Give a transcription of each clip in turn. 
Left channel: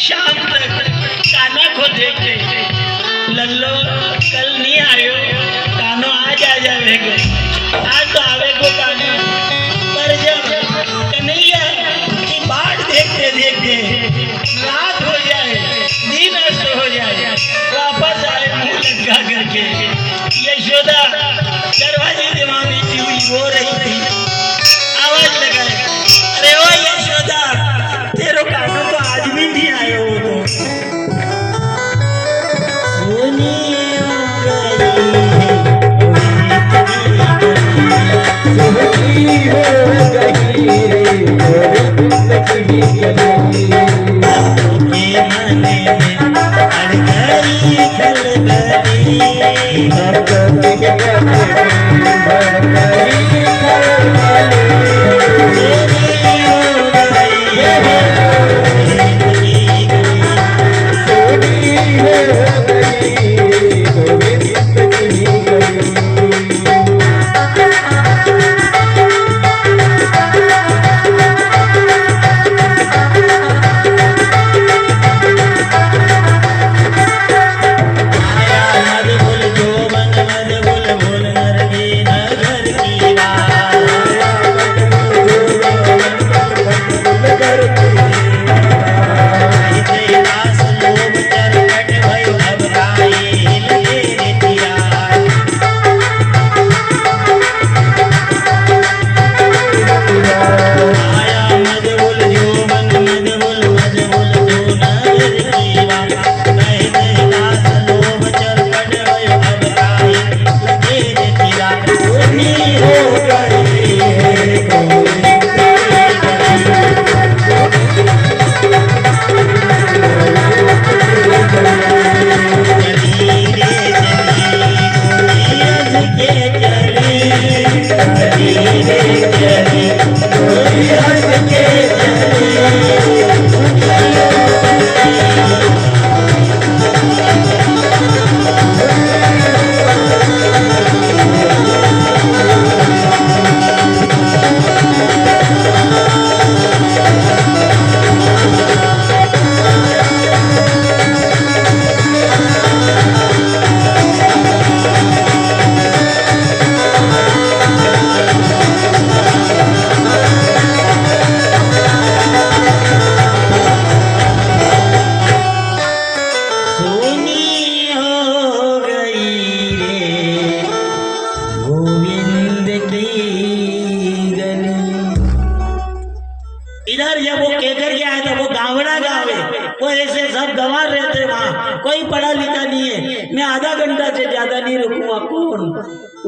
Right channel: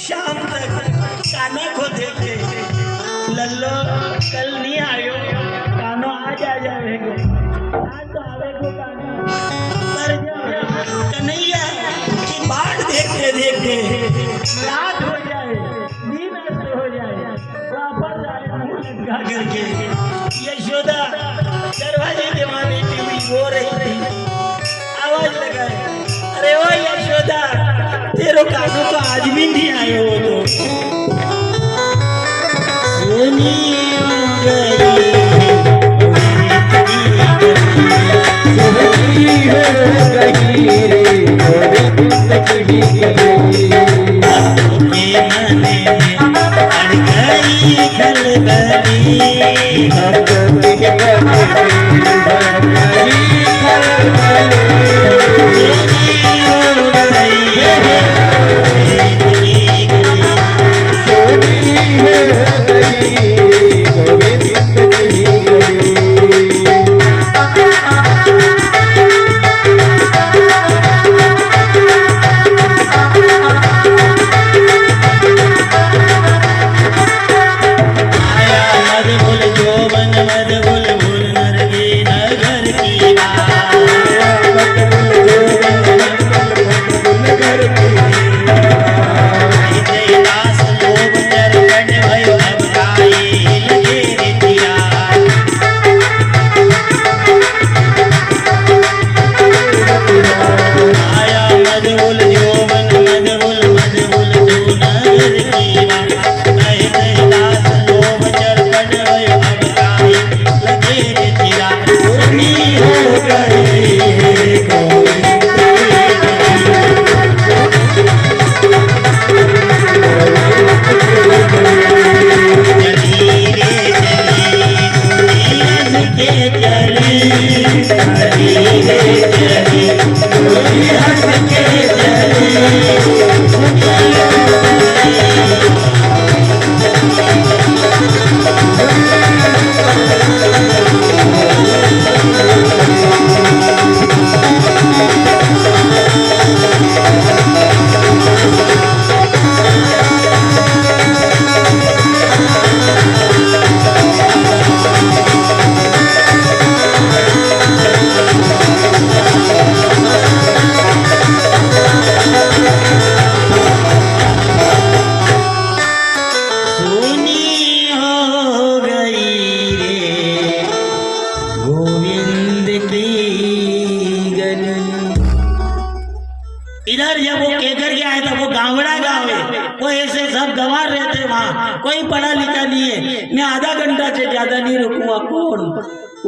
शाम तक काना को देखते लल्लो कल नहीं आयो कानो आज आ जाएगा आज तो आवेगो काना पर जब कन्हैया की बाट देखते देखते रात हो जाए दिन अस्त हो जाए वापस आए मुंह लगा करके यशोदा दरवाजे दीवाने की हुई रो रही थी आवाज लगाए अरे ओ यशोदा तेरो कानो तो आज भी नहीं आयो वो तो सुनी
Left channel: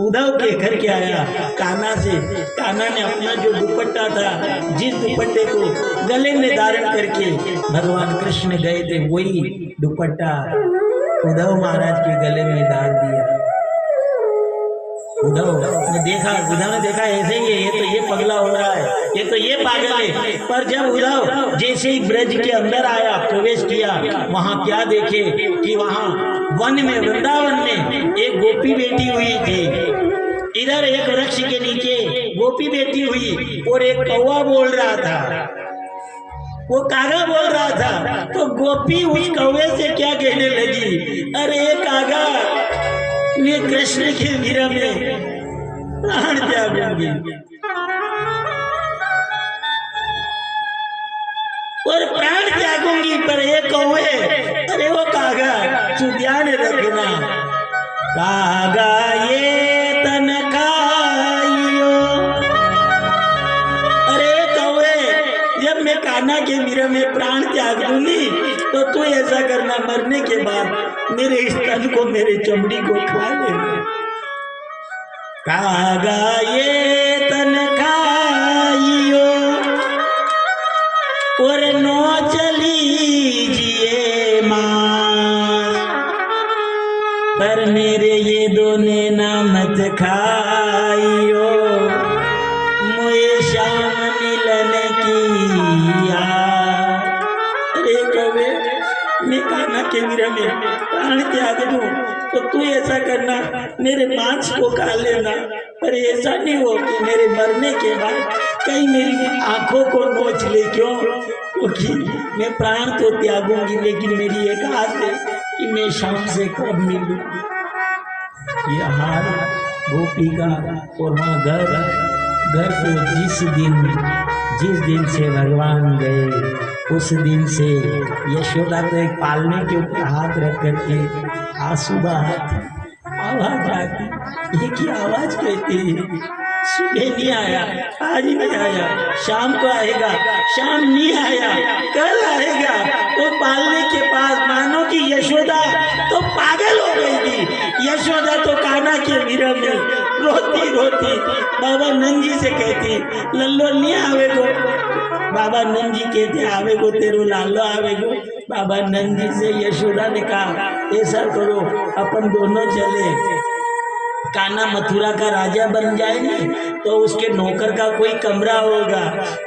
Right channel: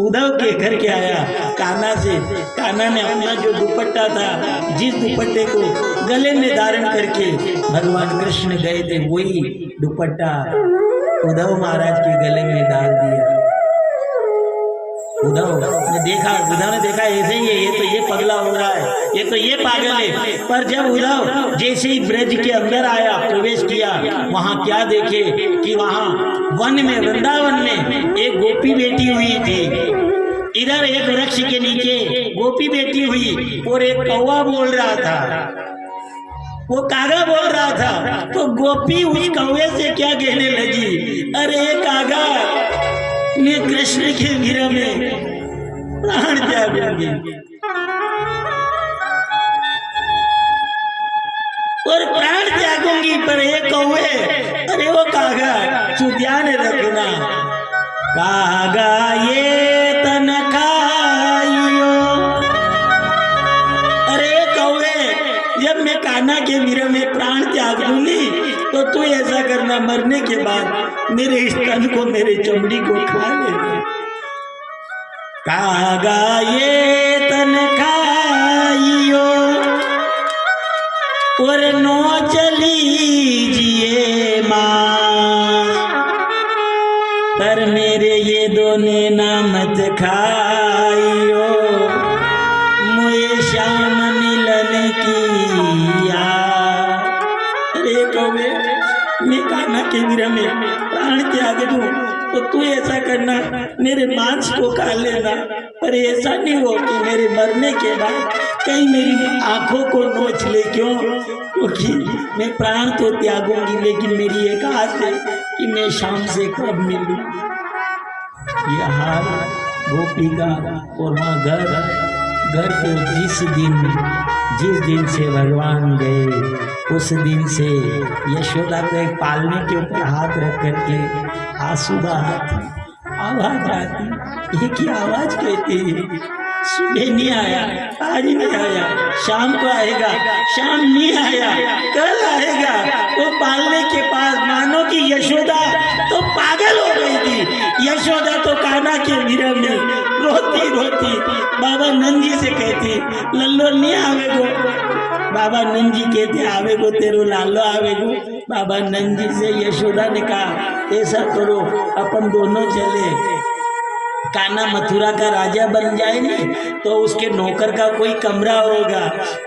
उद्धव के घर के आया कान्हा से। कान्हा ने अपना जो दुपट्टा था, जिस दुपट्टे को गले में धारण करके भगवान कृष्ण गए थे, वही दुपट्टा उद्धव महाराज के गले में डाल दिया। उद्धव ने देखा ऐसे ही है, ये तो ये पगला हो रहा है, ये तो ये पागल है। पर जब उद्धव जैसे ही ब्रज के अंदर आया, प्रवेश किया, वहां क्या देखे कि वहां वन में, वृंदावन में एक गोपी बैठी हुई थी। इधर एक वृक्ष के नीचे गोपी बैठी हुई और एक कौवा बोल रहा था, वो कागा बोल रहा था। तो गोपी उस कौवे से क्या कहने लगी, अरे कागा मैं कृष्ण के विरह में प्राण त्यागूंगी और प्राण त्यागूंगी। पर ये कौवे, अरे वो कागा, तू ध्यान रखना, कागा ये तन खाइयो। अरे कौवे, जब मैं कान्हा के विरह में प्राण त्याग दूंगी तो तू ऐसा करना, मरने के बाद मेरे स्तन को, मेरे चमड़ी को खा लेना। कागा ये तन खाइयो और नो चलीजिए मां, पर मेरे ये दोने ना मत खाइयो, मुझे शाम मिलन की याद। अरे कौवे, मैं कान्हा के विरह में प्राण त्याग दूं तो तू ऐसा करना, मेरे मांस को खा लेना। पर ऐसा नहीं हो कि मेरे मरने के बाद कहीं मेरी आंखों को नोच ले। क्यों? क्योंकि मैं प्राण तो त्यागूंगी, लेकिन मेरी एक आस है कि मैं शाम से कब मिलूं। ये हाल गोपी का और वहाँ घर को जिस दिन से भगवान गए, उस दिन से यशोदा तो एक पालने के ऊपर हाथ रख करके आंसू बहाती, आवाज आती, एक ही आवाज कहती है, सुबह नहीं आया, आज नहीं आया, शाम को आएगा, शाम नहीं आया, कल आएगा। वो पालने के पास मानो कि यशोदा तो पागल हो गई थी। यशोदा तो कान्हा के विरह में रोती रोती बाबा नंद जी से कहती, लल्लो नहीं आवेगो। बाबा नंद जी कहते, आवेगो तेरो लालो आवेगो। बाबा नंद जी से यशोदा ने कहा, ऐसा करो, अपन दोनों चले, कान्हा मथुरा का राजा बन जाएंगे तो उसके नौकर का कोई कमरा होगा।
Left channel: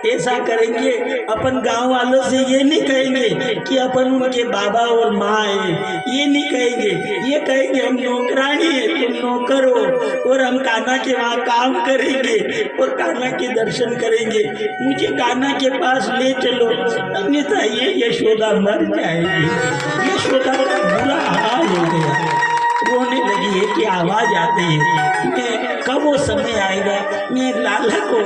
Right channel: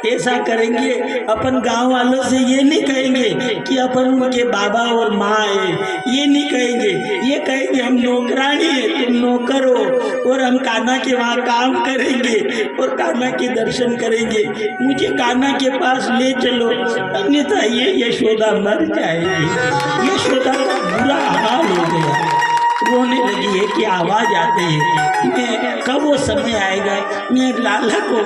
ऐसा करेंगे, अपन गांव वालों से ये नहीं कहेंगे कि अपन उनके बाबा और माँ है, ये नहीं कहेंगे, ये कहेंगे हम नौकरानी है, तुम नौकर हो और हम कान्हा के वहाँ काम करेंगे और कान्हा के दर्शन करेंगे, मुझे कान्हा के पास ले चलो, अन्यथा ये यशोदा मर जाएगी। यशोदा का बुरा हाल हो गया, रोने लगी है कि आवाज आती है, मैं कब वो समय आएगा, मैं लाला को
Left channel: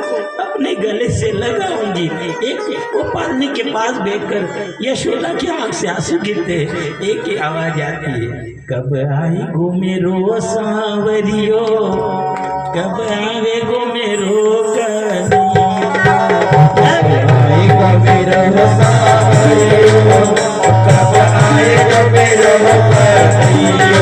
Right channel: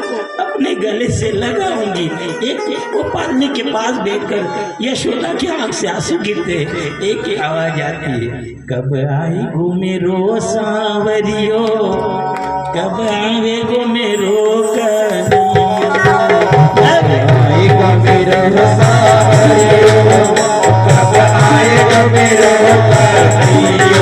अपने गले से लगाऊंगी। एक वो पालने के पास बैठकर यशोदा की आंख से आंसू गिरते, एक ही आवाज आती है, कब आई गो मेरो सांवरियो, कब आवे गो मेरो कन्हैया, कब आई गो मेरो सांवरियो, कब आए गो मेरो कन्हैया।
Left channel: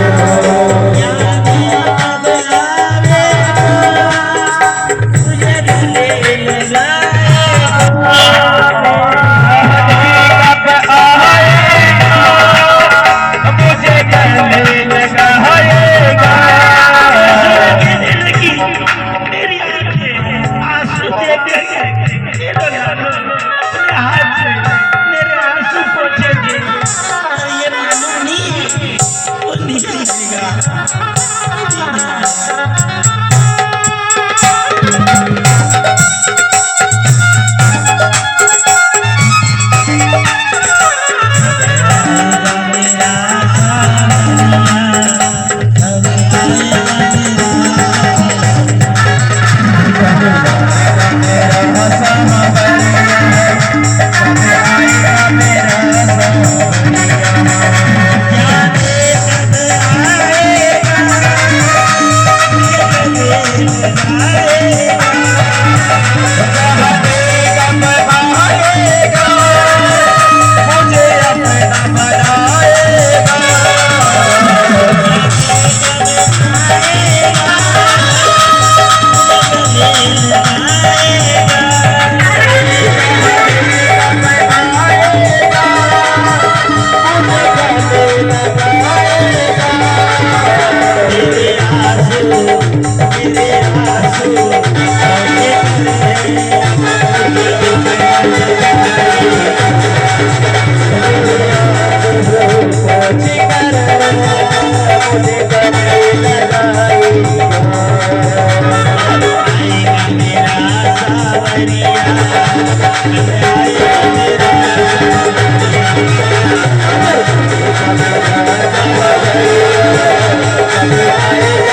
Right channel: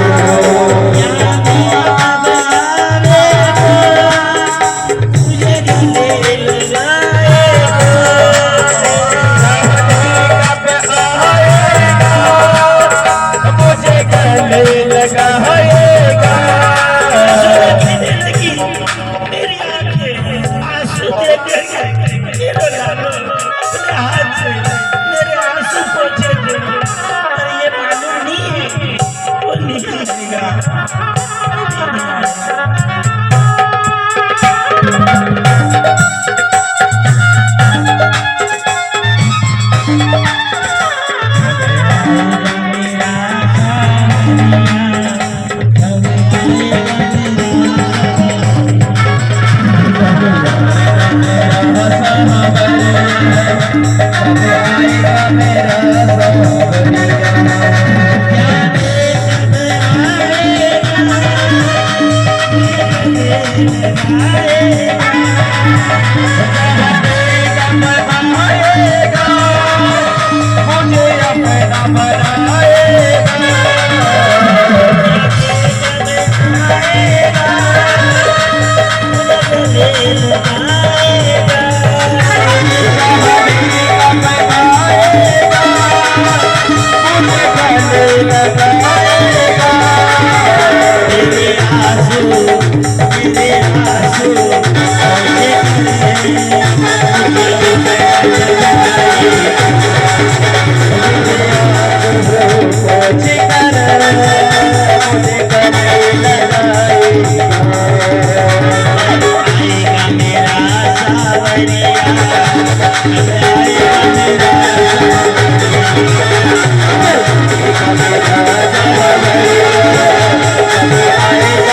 I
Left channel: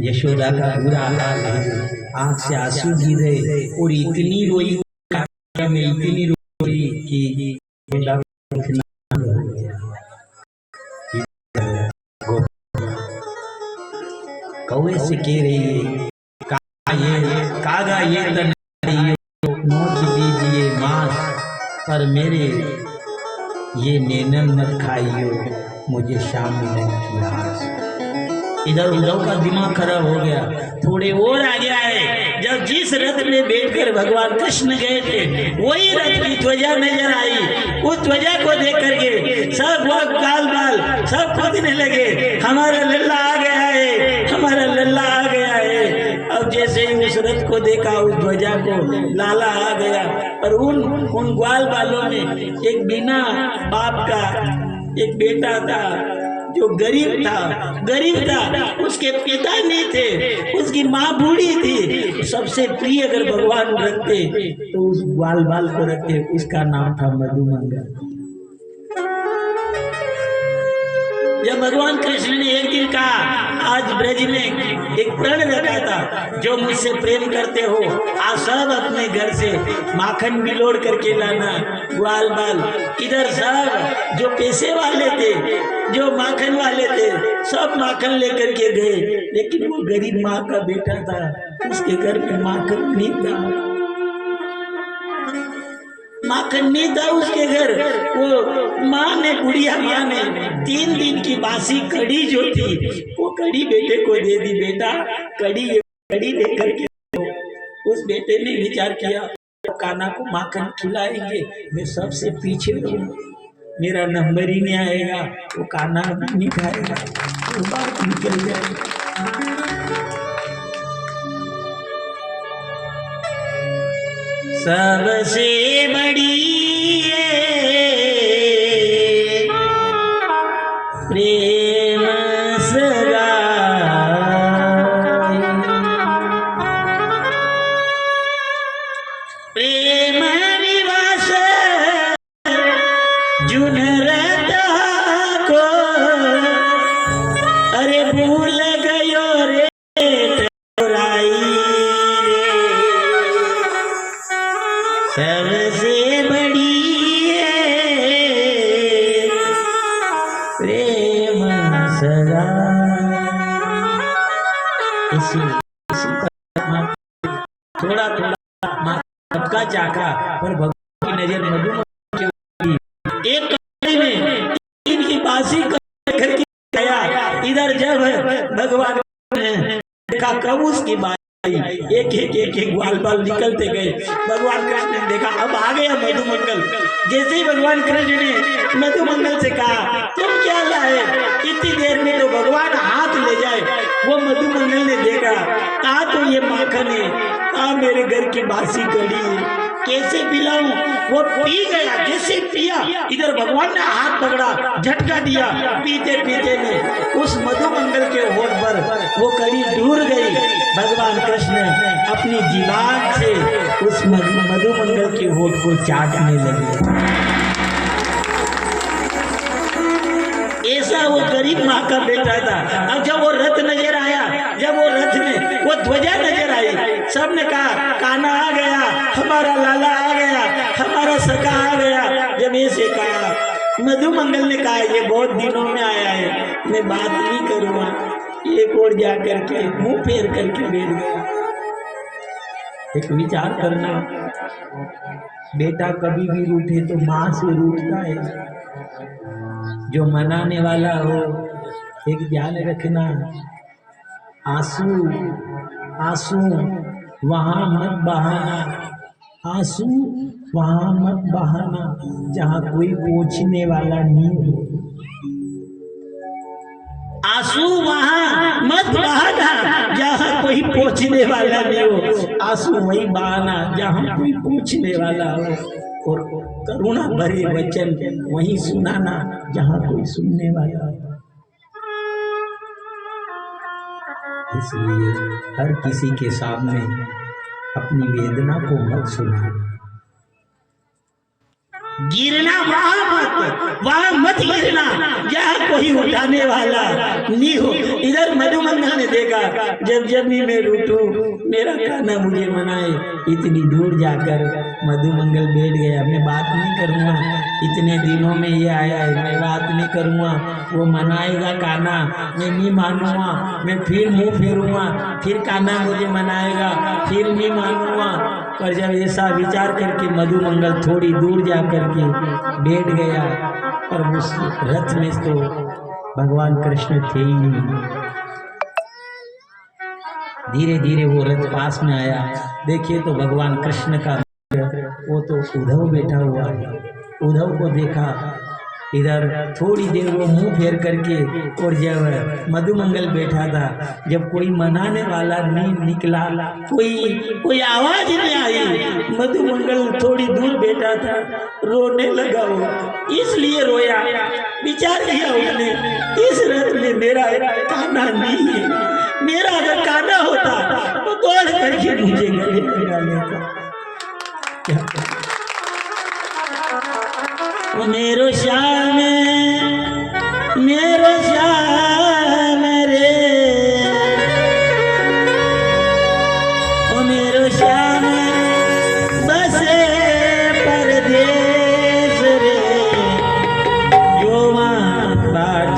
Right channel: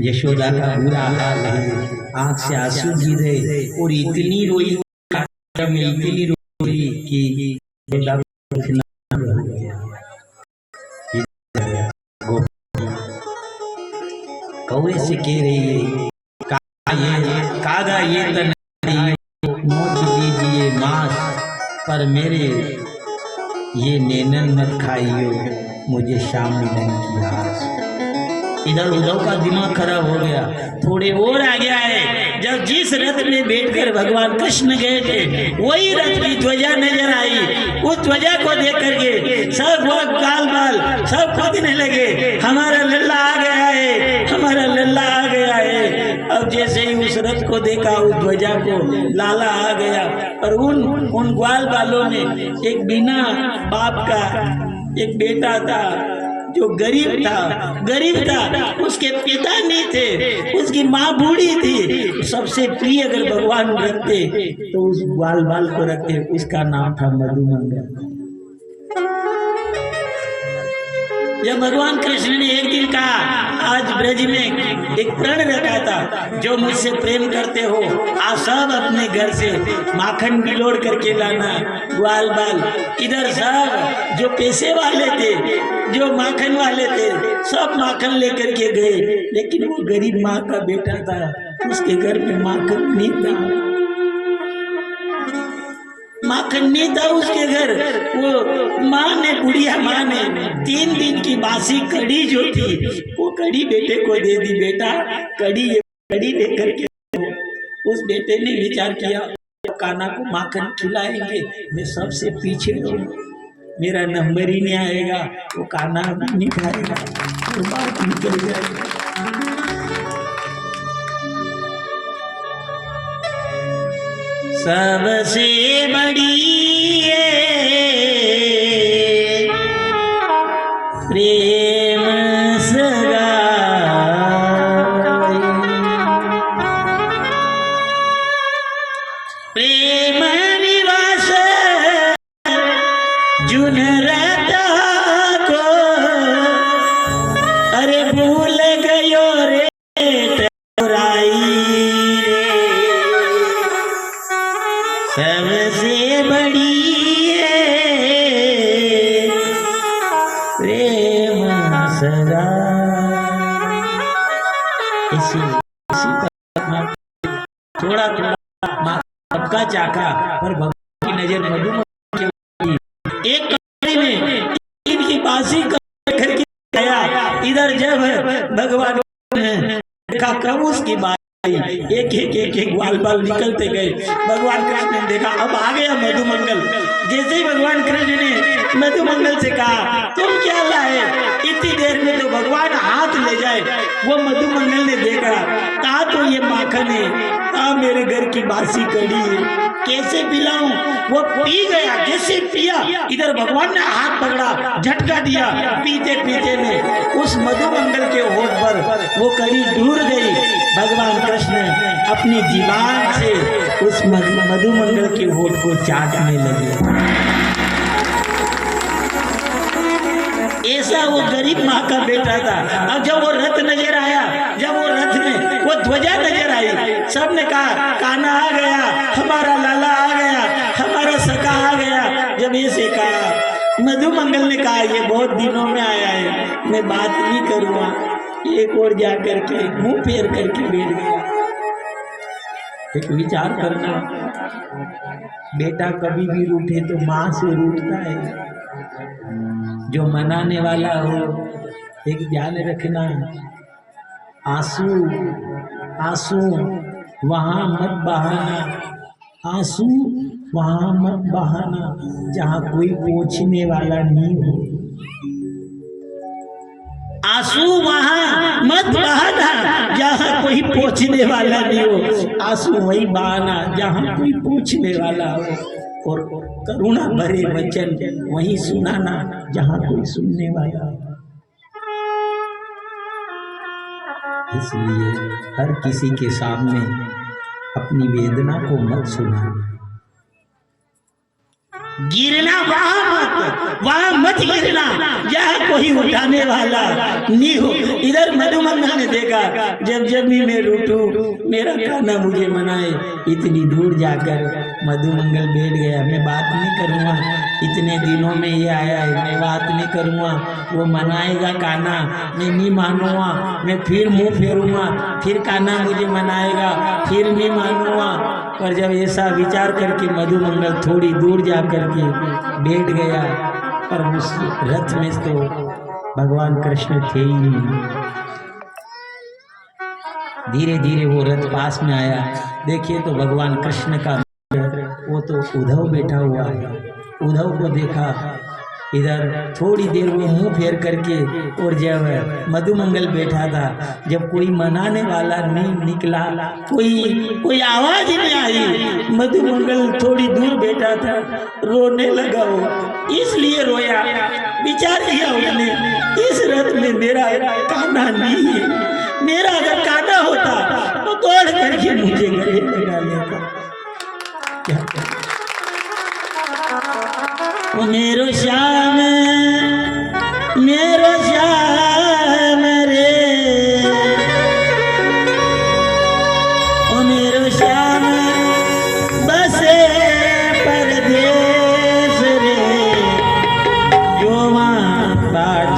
यशोदा का बुरा हाल है, आंख से आंसू गिरे और इतनी रोई में इतनी रोई कि कौवे से कह रही है कागा ये नोच दीजिए मांस पर मेरे ये नैनन मत खाइयो मुझे शाम मिलन की आस। इधर उद्धव का दिमाग खराब हो गया, थोड़े और आ गया है। जब जिस रथ में बैठकर भगवान कृष्ण गए थे वही रथ की ध्वजा नजर आई। उस ध्वजा को देख करके सब लोग काल बाल सब कूदने लगे, हमारा लल्ला आ गया है, हमारा लल्ला आ गया है। अब जैसे ही उस रथ को देखा, उस ध्वजा को, लाला आ गया। और उन ग्वाल बालों में एक बिना बाप का एक बेटा था जो गरीब था, उसके पिता नहीं थे, उसकी माँ बूढ़ी थी। सबसे प्रिय अगर भगवान रखते तो उस ग्वाल बाल को रखते, उसका नाम था मधुमंगल। जब भगवान कृष्ण ने एक दिन कहा, आज ब्रज में एक प्रण रखा था, जो मुझसे प्रेम करते हो आप सब अपने घर से माखन बिलोड़ करके लाना। ग्वाल बाल इधर सब जो पैसे वाले थे, जो माखन वाले थे, सब माखन लेकर के गए, लेकिन वो गरीब माँ का बेटा था, उसके घर में माखन नहीं था। माखन नहीं था उसके घर। वो माँ ने, बुढ़िया माँ ने 3 दिन की बासी कड़ी जो थी वो कड़ी बेटे को दे दी। बेटा कड़ी लेकर के। उस बेटे ने विचार किया, कान्हा को माखन खिलाएंगे, मैं सबसे पीछे रहूंगा, मेरा नंबर ही नहीं आएगा, वो कान्हा नहीं खाएगा, वो बात निकल जाएगा। सबसे बड़ी प्रेम सगाई, प्रेम विवास जुन रहता को, अरे भूल गयो रे टोराई रे। सबसे बड़ी प्रेम सगा। इसी थोड़ा सबका चाका पर भगवान की नजर मधुमंगल की। एक कमरे में इनकी बासी कर आया। इधर जब भगवान का प्रभु की बात, एक ग्वाल बाल निकलते गए। भगवान कृष्ण ने देखा, अब आ गया मधुमंगल। जैसे ही भगवान कृष्ण ने मधुमंगल से कहा, तुम क्या लाए? इतनी देर में तो भगवान हाथ ले जाए। वो मधुमंगल ने देखा, कहा तो ये माखन है, कहा मेरे घर की बासी कड़ी है, कैसे पिलाऊं? वो पी गया। जैसे पिया, इधर भगवान ने हाथ पकड़ा, झटका दिया। पीते पीते में उस मधुमंगल के होठ पर वो कड़ी दूर गई। भगवान कृष्ण अपनी जीवान से उस मधुमंगल के होठ को चाटने लगे। ऐसा वो गरीब माँ का बेटा था। अब जब वो रथ नजर आया, जब वो रथ में वो ध्वजा नजर आई, सबने कहा कान्हा आ गया, हमारा लाला आ गया, हमारा सखा आ गया। जब ऐसे कहा, मधुमंगल ने कहा ये बहुत दिनों में आया है, मैं बात नहीं करूंगा। एक और जा करके मुंह फेर करके बैठ गया। एक विचार करना, बेटा कभी भी रूठे तो माँ से रूठता है। जो मनाने वाला हो, एक ध्यान रखना, आंसू आंसू वहां मत बहाना, आंसू वहां मत बहाना जहां कोई पूछने वाला नहीं हो। आंसू वहां मत बहाना जहां कोई पूछने वाला नहीं हो। आंसू वही बहाना जहां कोई पूछने वाला हो, और करुणा भरे वचन वही सुनाना जहां कोई सुनने वाला हो। इसलिए हर किसी के सामने अपनी वेदना को मत सुना। गिरना वहां मत गिरना जहाँ कोई उठाने वाला नहीं हो। इधर मधुमंगल ने देखा, जब जब भी मैं रूठूं मेरा कान्हा मुझे मनाए। इतनी दूर जाकर मधुमंगल बैठ गया। मैं बात नहीं करूँगा, इतने दिनों में ये आया है, मैं बात नहीं करूँगा। वो मनाएगा कान्हा, मैं नहीं मानूंगा। मैं फिर मुंह फेरूंगा, फिर कान्हा मुझे मनाएगा, फिर नहीं मानूंगा। पर जब ऐसा विचार करके मधुमंगल थोड़ी दूर जा करके बैठ गया, पर उस रथ में तो भगवान कृष्ण थे ही नहीं। धीरे धीरे वो रथ पास में आया। देखिए तो भगवान कृष्ण का वो तो उद्धव बैठा हुआ है। उद्धव को देखा, इधर थोड़ी देर वो मुंह फेर करके, और जब मधुमंगल बैठा था, जब कोई मनाने वाला नहीं निकला, कोई आवाज नहीं आई, मधुमंगल थोड़ी दूर बैठा था, रोने लगा। वो इसलिए रोया, विचार किया उसने, इस रथ में मेरा कान्हा नहीं है। मेरा अगर कान्हा होता तो दौड़ करके मुझे गले लगा लेता। ओ मेरो श्याम रे, ओ मेरो श्याम बसे परदेस रे, जो वहाँ बाट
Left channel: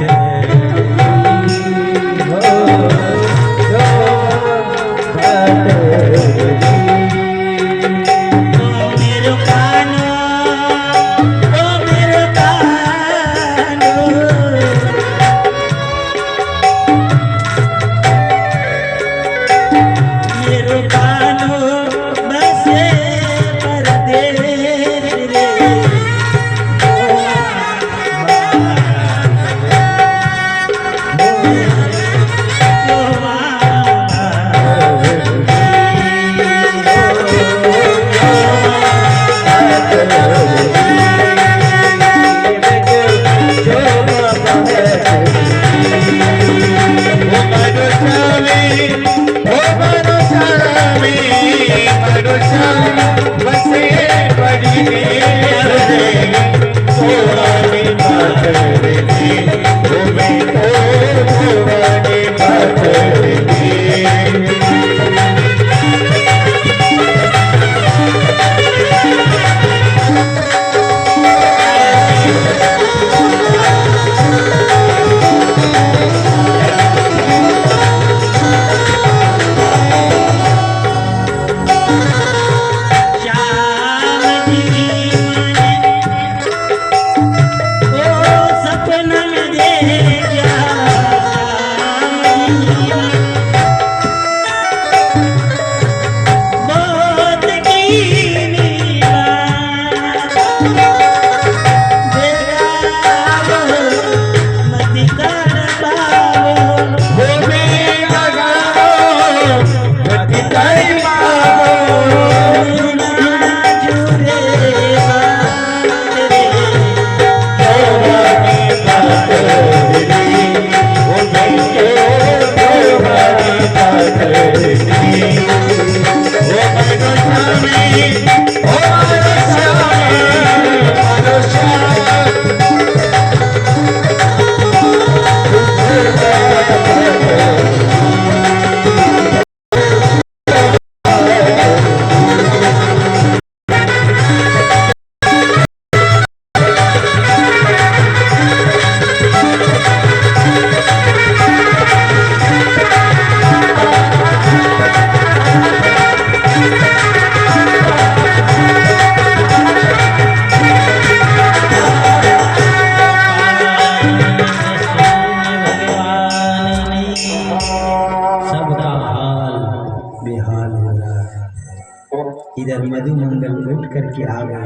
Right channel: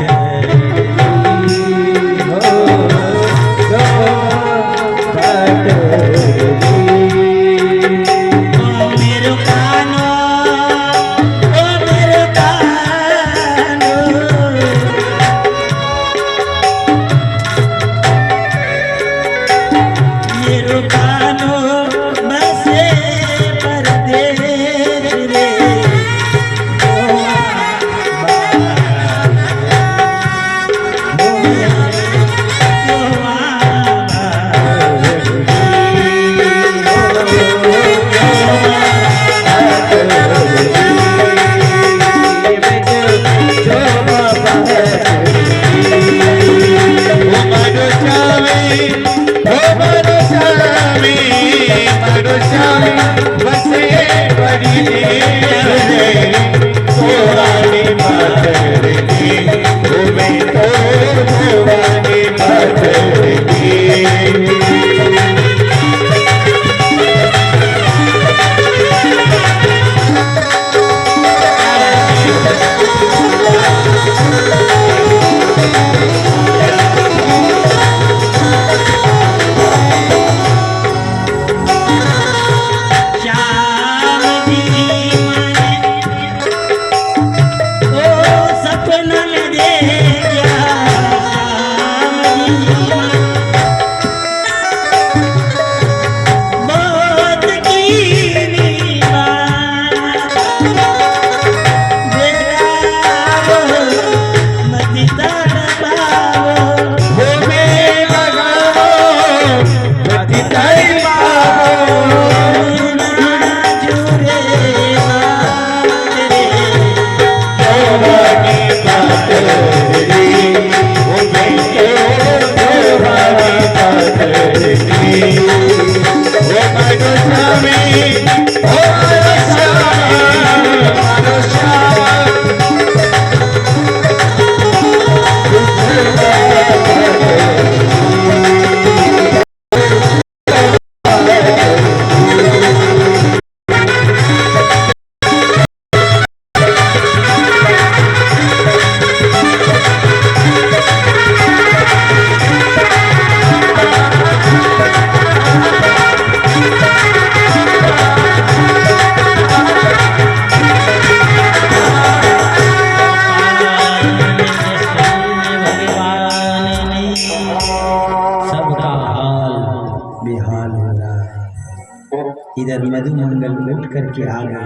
इधर मधुमंगल उठ करके आ गया।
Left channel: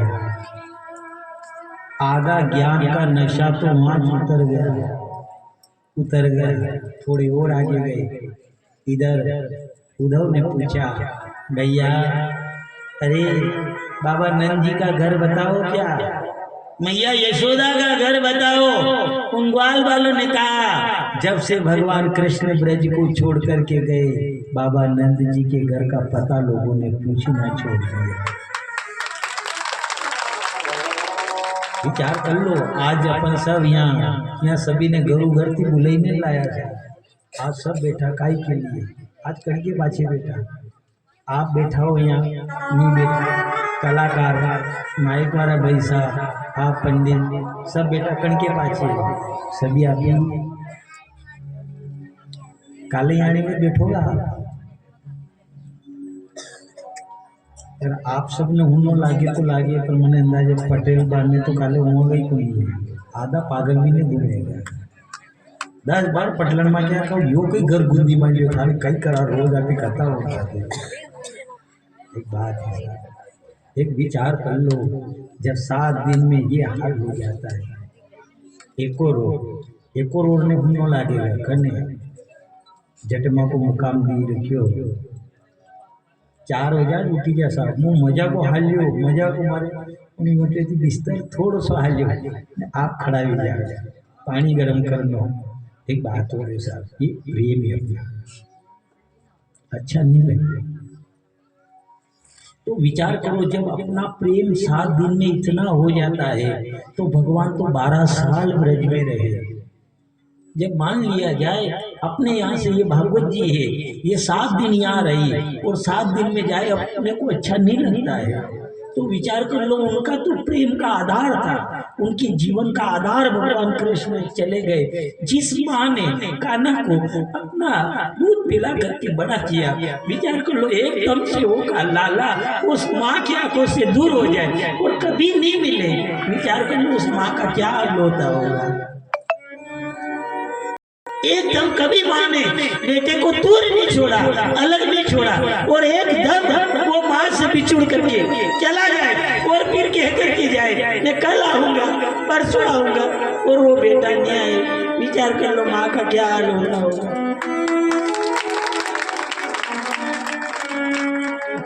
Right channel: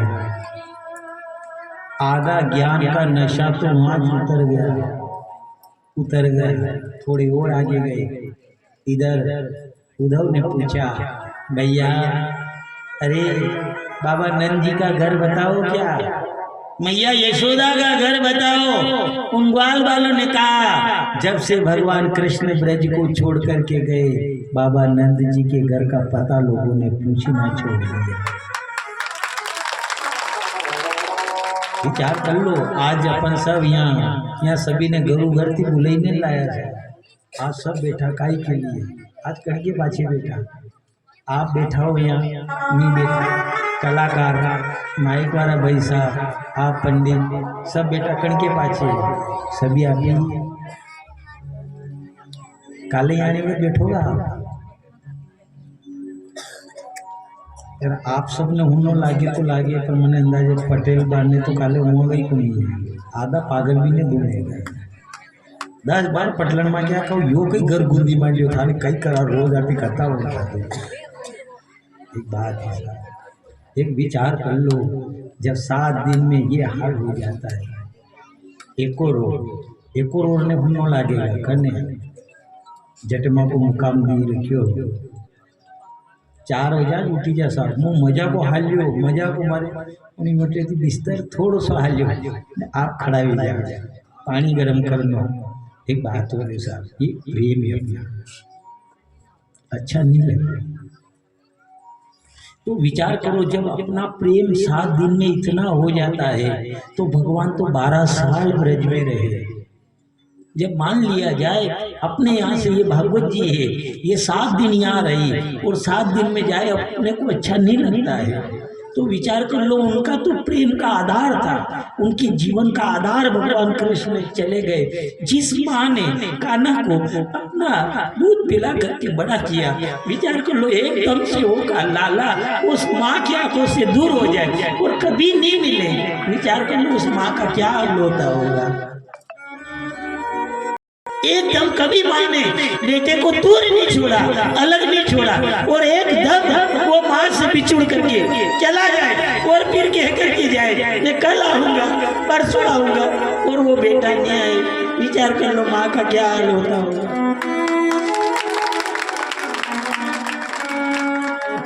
आधा ज्ञान का नशा तो वहां उतर गया। थोड़ी और आगे गए, इधर उद्धव ने पूछा, भैया अरे बाबा नंद जी का घर बताओ क्या, मैया यशोदा का घर बताओ। उन ग्वाल वालों ने कहा, जब से भगवान कृष्ण ब्रज को छोड़ करके गए, बाबा नंद जी के घर का पता लोगों ने पूछना छोड़ दिया। विचार कर लो, आज अपन सब यहाँ सभी ने गरु घरती बुलाई ने लाया था। आज सब बैठा काई के लिए, आज कड़के पाछे बैठा, आप बैठा हो यहाँ नहीं बैठा, कलाकार माइक वाला भाई साहब, आप पंडित सब बेटा कणके पाछे, सभी अभी काले आने में बैठोगा। आप सब ने हुनो लागे तो लागे, पर मैंने अंदाजे पटेल बाने तो काले हुआ गई को नहीं है, आधा पागल भी नहीं बोलेगा। 10 बार पटलन में क्या कहूँ, यो कई घर गुंदी मान लियो था, कई करा रोज आप ही करता हो। एक बात है, एक विचार कर लो, जब 7 दिन में ये हाल हो जाता है, एको रोड ने भूनो लागेगा करने जटमा को मुकाम दी रखियो, 4 हो जाए उठी जा साहब, मुँह मजा को हालियो, मजा को मारे उन्हीं मोटे थी बिस्तर थोड़ा सा हालियो, आप खड़ा भी जाए, पानी गर्म कर लो। एक बात हो रही साहब, ये प्रेम है अपना, अच्छा नहीं लगता। तो विचार करो, जब अपना प्रेम 7 दिन में इतना हो जाता है, तो भगवान तो 12 साल ब्रज में रहे। जब मान लिया जाए अपने यहाँ से ये भागवत जी है, ये 7 दिन यहाँ रही और 7 दिन में जाए अपने को अच्छा नहीं लगता है। तो विचार कर लो, उनका तो प्रेम का आधार था, उनके जीवन का आधार भगवान कृष्ण चले गए। जिस माँ ने कान्हा को अपना दूध पिला करके बड़ा किया, विचार कर लो एकदम से होगा लाला उस माँ की आंखों से दूर हो जाए और कभी नहीं मिले, विचार कर लो उस माँ का क्या हाल होता होगा। एकदम कभी माँ ने बेटे को दूर नहीं छोड़ा, अलग नहीं छोड़ा, और एकदम वो माँ से बिछुड़ करके चला जाए और फिर कह करके जाए मैं कल आऊंगा परसों आऊंगा, और वो बेटा नहीं आए। विचार कर लो माँ का क्या हाल होता होगा।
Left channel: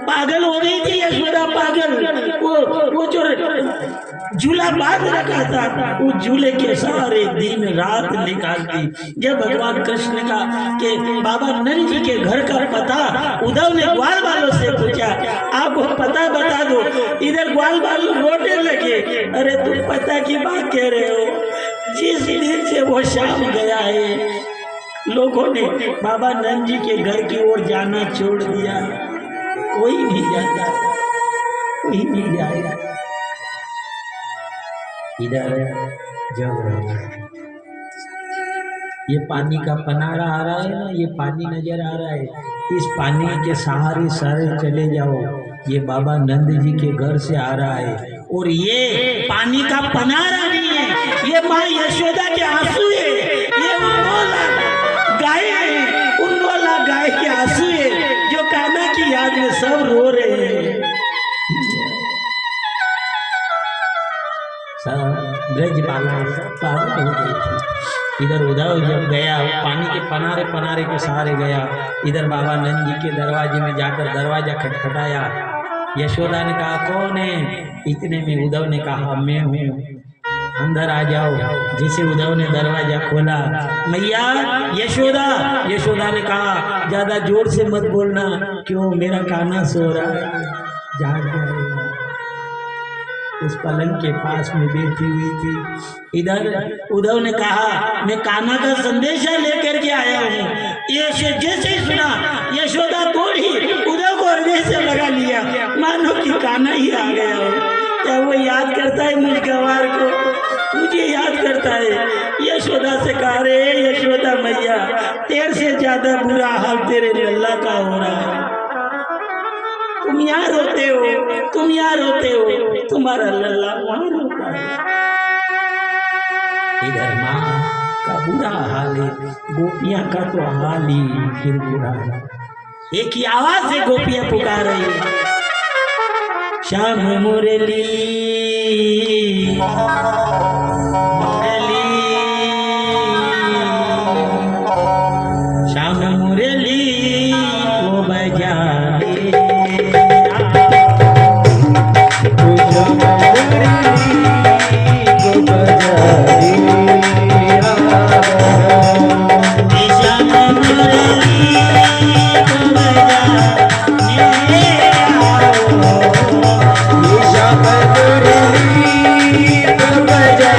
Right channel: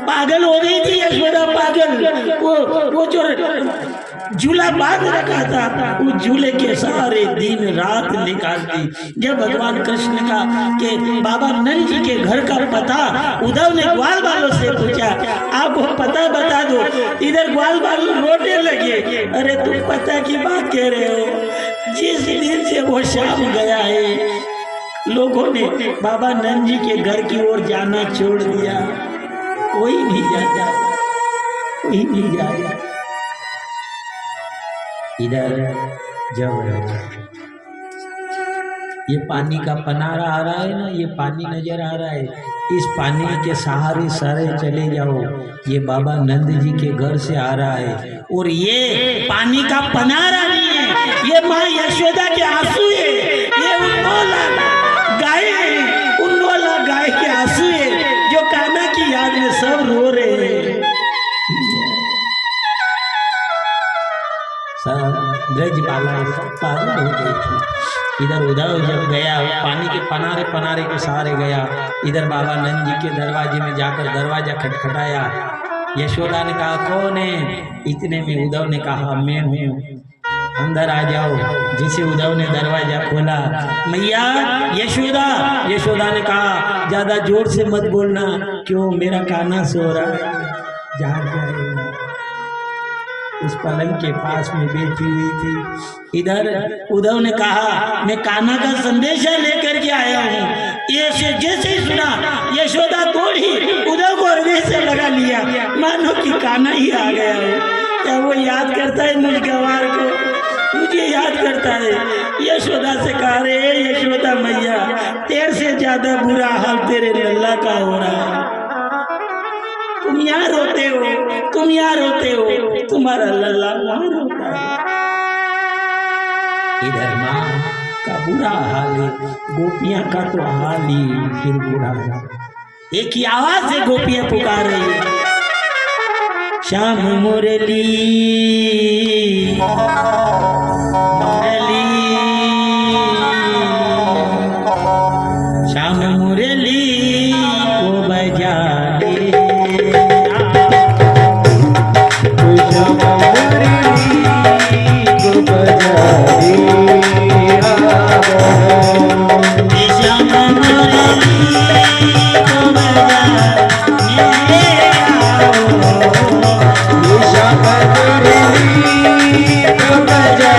पागल हो गई थी यशोदा, पागल। वो जो झूला बांध रखा था, उस झूले के सारे दिन रात निकालती। जब भगवान कृष्ण का के बाबा नंद जी के घर का पता उद्धव ने ग्वाल वालों से पूछा, आप वो पता बता दो। इधर ग्वाल वालों रोने लगे, अरे तुम पता की बात कह रहे हो, जिस दिन से वो शाम गया है, लोगों ने बाबा नंद जी के घर की ओर जाना छोड़ दिया। कोई नहीं जाता, कोई नहीं जाएगा। इधर जब ये पानी का पनारा आ रहा है ना, ये पानी नजर आ रहा है, इस पानी के सहारे सारे चले जाओ, ये बाबा नंद जी के घर से आ रहा है। और ये पानी का पनारा नहीं है, ये माँ यशोदा के आंसू है, ये उन्नोला गाय है, उन्नोला गाय के आंसू है, जो कान्हा की याद में सब रो रहे हैं। ब्रजबाला पागल हो गई थी। इधर उद्धव जब गया, वो पानी के पनारे के सहारे गया, इधर बाबा नंद जी के दरवाजे में जाकर दरवाजा खटखटाया। यशोदा ने कहा कौन है? इतने में उद्धव ने कहा मैं हूँ, अंदर आ जाओ। जैसे उद्धव ने दरवाजा खोला, मैया यशोदा। यशोदा ने कहा ज्यादा जोर से मत बोलना, क्यों? मेरा कान्हा सो रहा है, जाग जाएगा। उस पलंग के पास में बैठी हुई थी। इधर उद्धव ने कहा मैं कान्हा का संदेशा लेकर के आया हूँ। ये जैसे ही सुना, यशोदा दौड़ी, उद्धव को हृदय से लगा लिया, मानो कि कान्हा ही आ गया हो। क्या वो याद करता है मुझ गवार को, मुझे याद करता है। यशोदा से कहा रे यशोदा मैया, तेरे से ज्यादा बुरा हाल तेरे लल्ला का हो रहा है। तुम यहाँ रोते हो, तुम यहाँ रोते हो, तुम्हारा लल्ला वहाँ रोता है। इधर माँ का बुरा हाल है, गोपियाँ का तो हाल ही फिर बुरा है। एक ही आवाज से गोपियाँ पुकार रही है, श्याम मुरली मुरली श्याम मुरली को बजा रे श्याम मुरली को बजा रे श्याम मुरली को बजा रे श्याम मुरली को बजा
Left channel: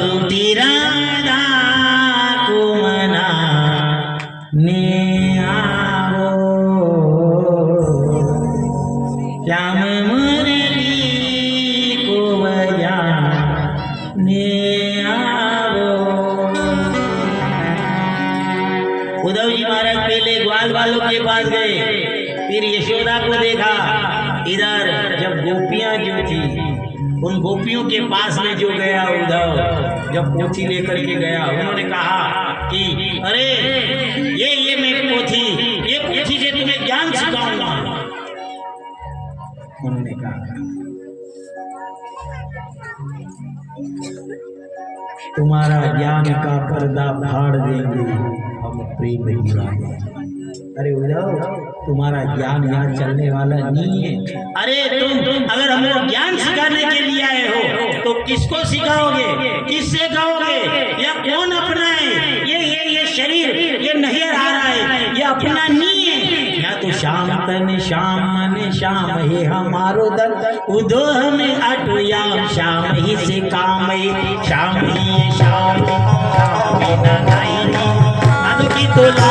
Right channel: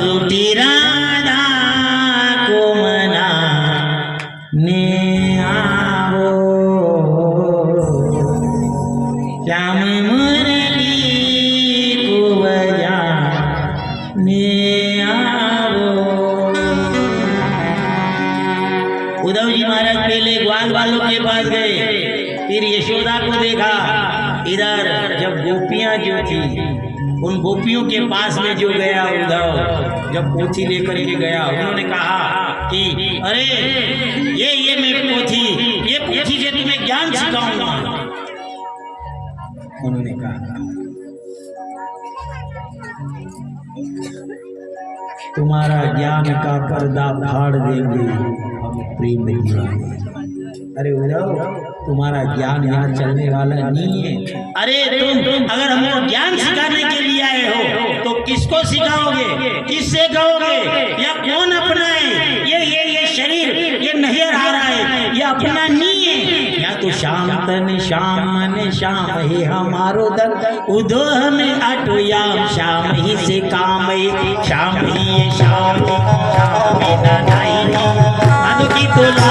रूठी राधा को मना ने आओ श्याम मुरली को बजा ने आओ। उद्धव जी महाराज पहले ग्वाल वालों के पास गए, फिर यशोदा को देखा। इधर जब गोपियां जो थी उन गोपियों के पास में जो गया उद्धव, जब पोथी लेकर के गया, उन्होंने कहा कि अरे ये मेरी पोथी, ये पोथी से तुम्हें ज्ञान सिखाऊंगा। उन्होंने कहा तुम्हारा ज्ञान का पर्दा फाड़ देंगे हम प्रेम दीवाने। अरे उद्धव तुम्हारा ज्ञान यहाँ चलने वाला नहीं है। अरे तुम अगर हमको ज्ञान सिखाने के लिए आए हो तो किसको सिखाओगे, किससे कहोगे, या कौन अपना है? ये शरीर ये नहीं आ रहा है, ये अपना नहीं है। या तो शाम तन श्याम मन श्याम है हमारो दर उदो हमें अटोया श्याम ही से काम है श्याम ही है श्याम बिना नहीं की तोला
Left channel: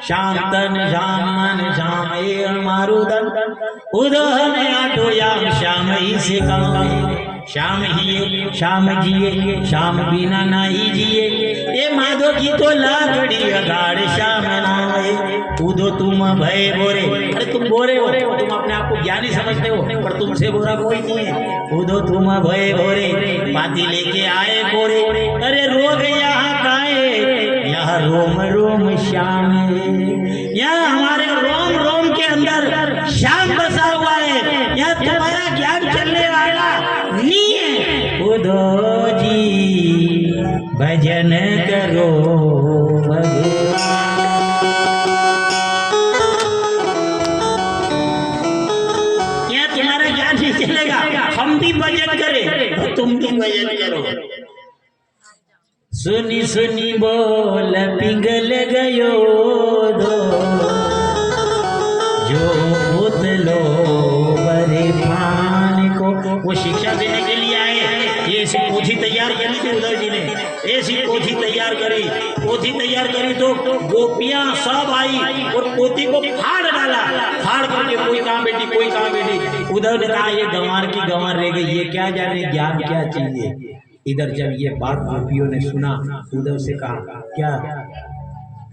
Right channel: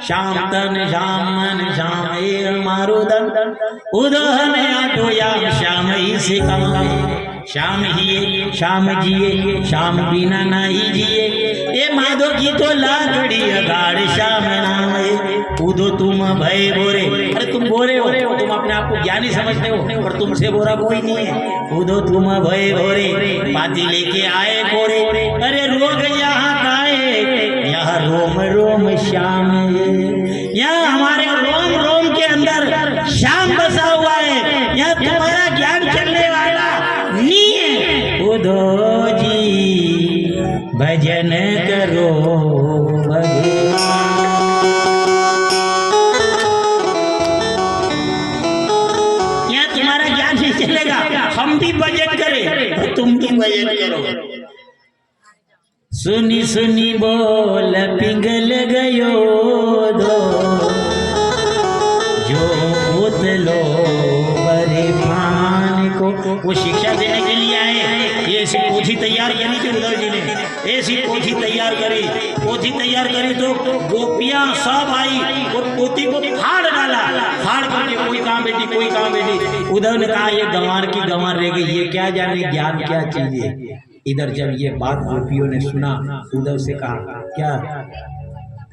श्याम तन श्याम मन श्याम ये हमारो दन उदो हमें आटोया श्याम ही से काम श्याम ही श्याम जिए श्याम बिना नहीं जिए। ये माधो की तो लाकड़ी गाड़ श्याम नाम है उदो तुम भय बोरे। अरे तुम बोरे हो, तुम अपने आप को ज्ञानी समझते हो पर तुमसे बोरा कोई नहीं है। उदो तुम भय बोरे पाती लेके आए कोरे। अरे रोग यहाँ काए यहाँ रोम रोम श्याम है, यहाँ हमारे रोम रोम के अंदर श्याम बसा हुआ है। यहाँ तुम्हारा ज्ञान चलने वाला नहीं है। उद्धव जी भजन करो यहाँ तुम्हारा ज्ञान नहीं चलेगा। हम भी भजन करें तुम भी भजन करो। सुनी सुनी बोल पिघल गयो दो जो उतलो बरे प्राण को। वो शिक्षा देने के लिए आए। ये ऐसी पोथी तैयार करी थी उद्धव जी ने, ऐसी पोथी तैयार करी। पोथी तैयार करी तो गोपियां सब आई और पोथी को फाड़ डाला। फाड़ करके कोई कहाँ बैठी कोई कहाँ बैठी। उद्धव ने कहा ये गंवार की गंवार रह गई, ये क्या जाने ज्ञान क्या चीज है। इधर जब ये बात गोपियों ने सुना, उद्धव से कहा क्या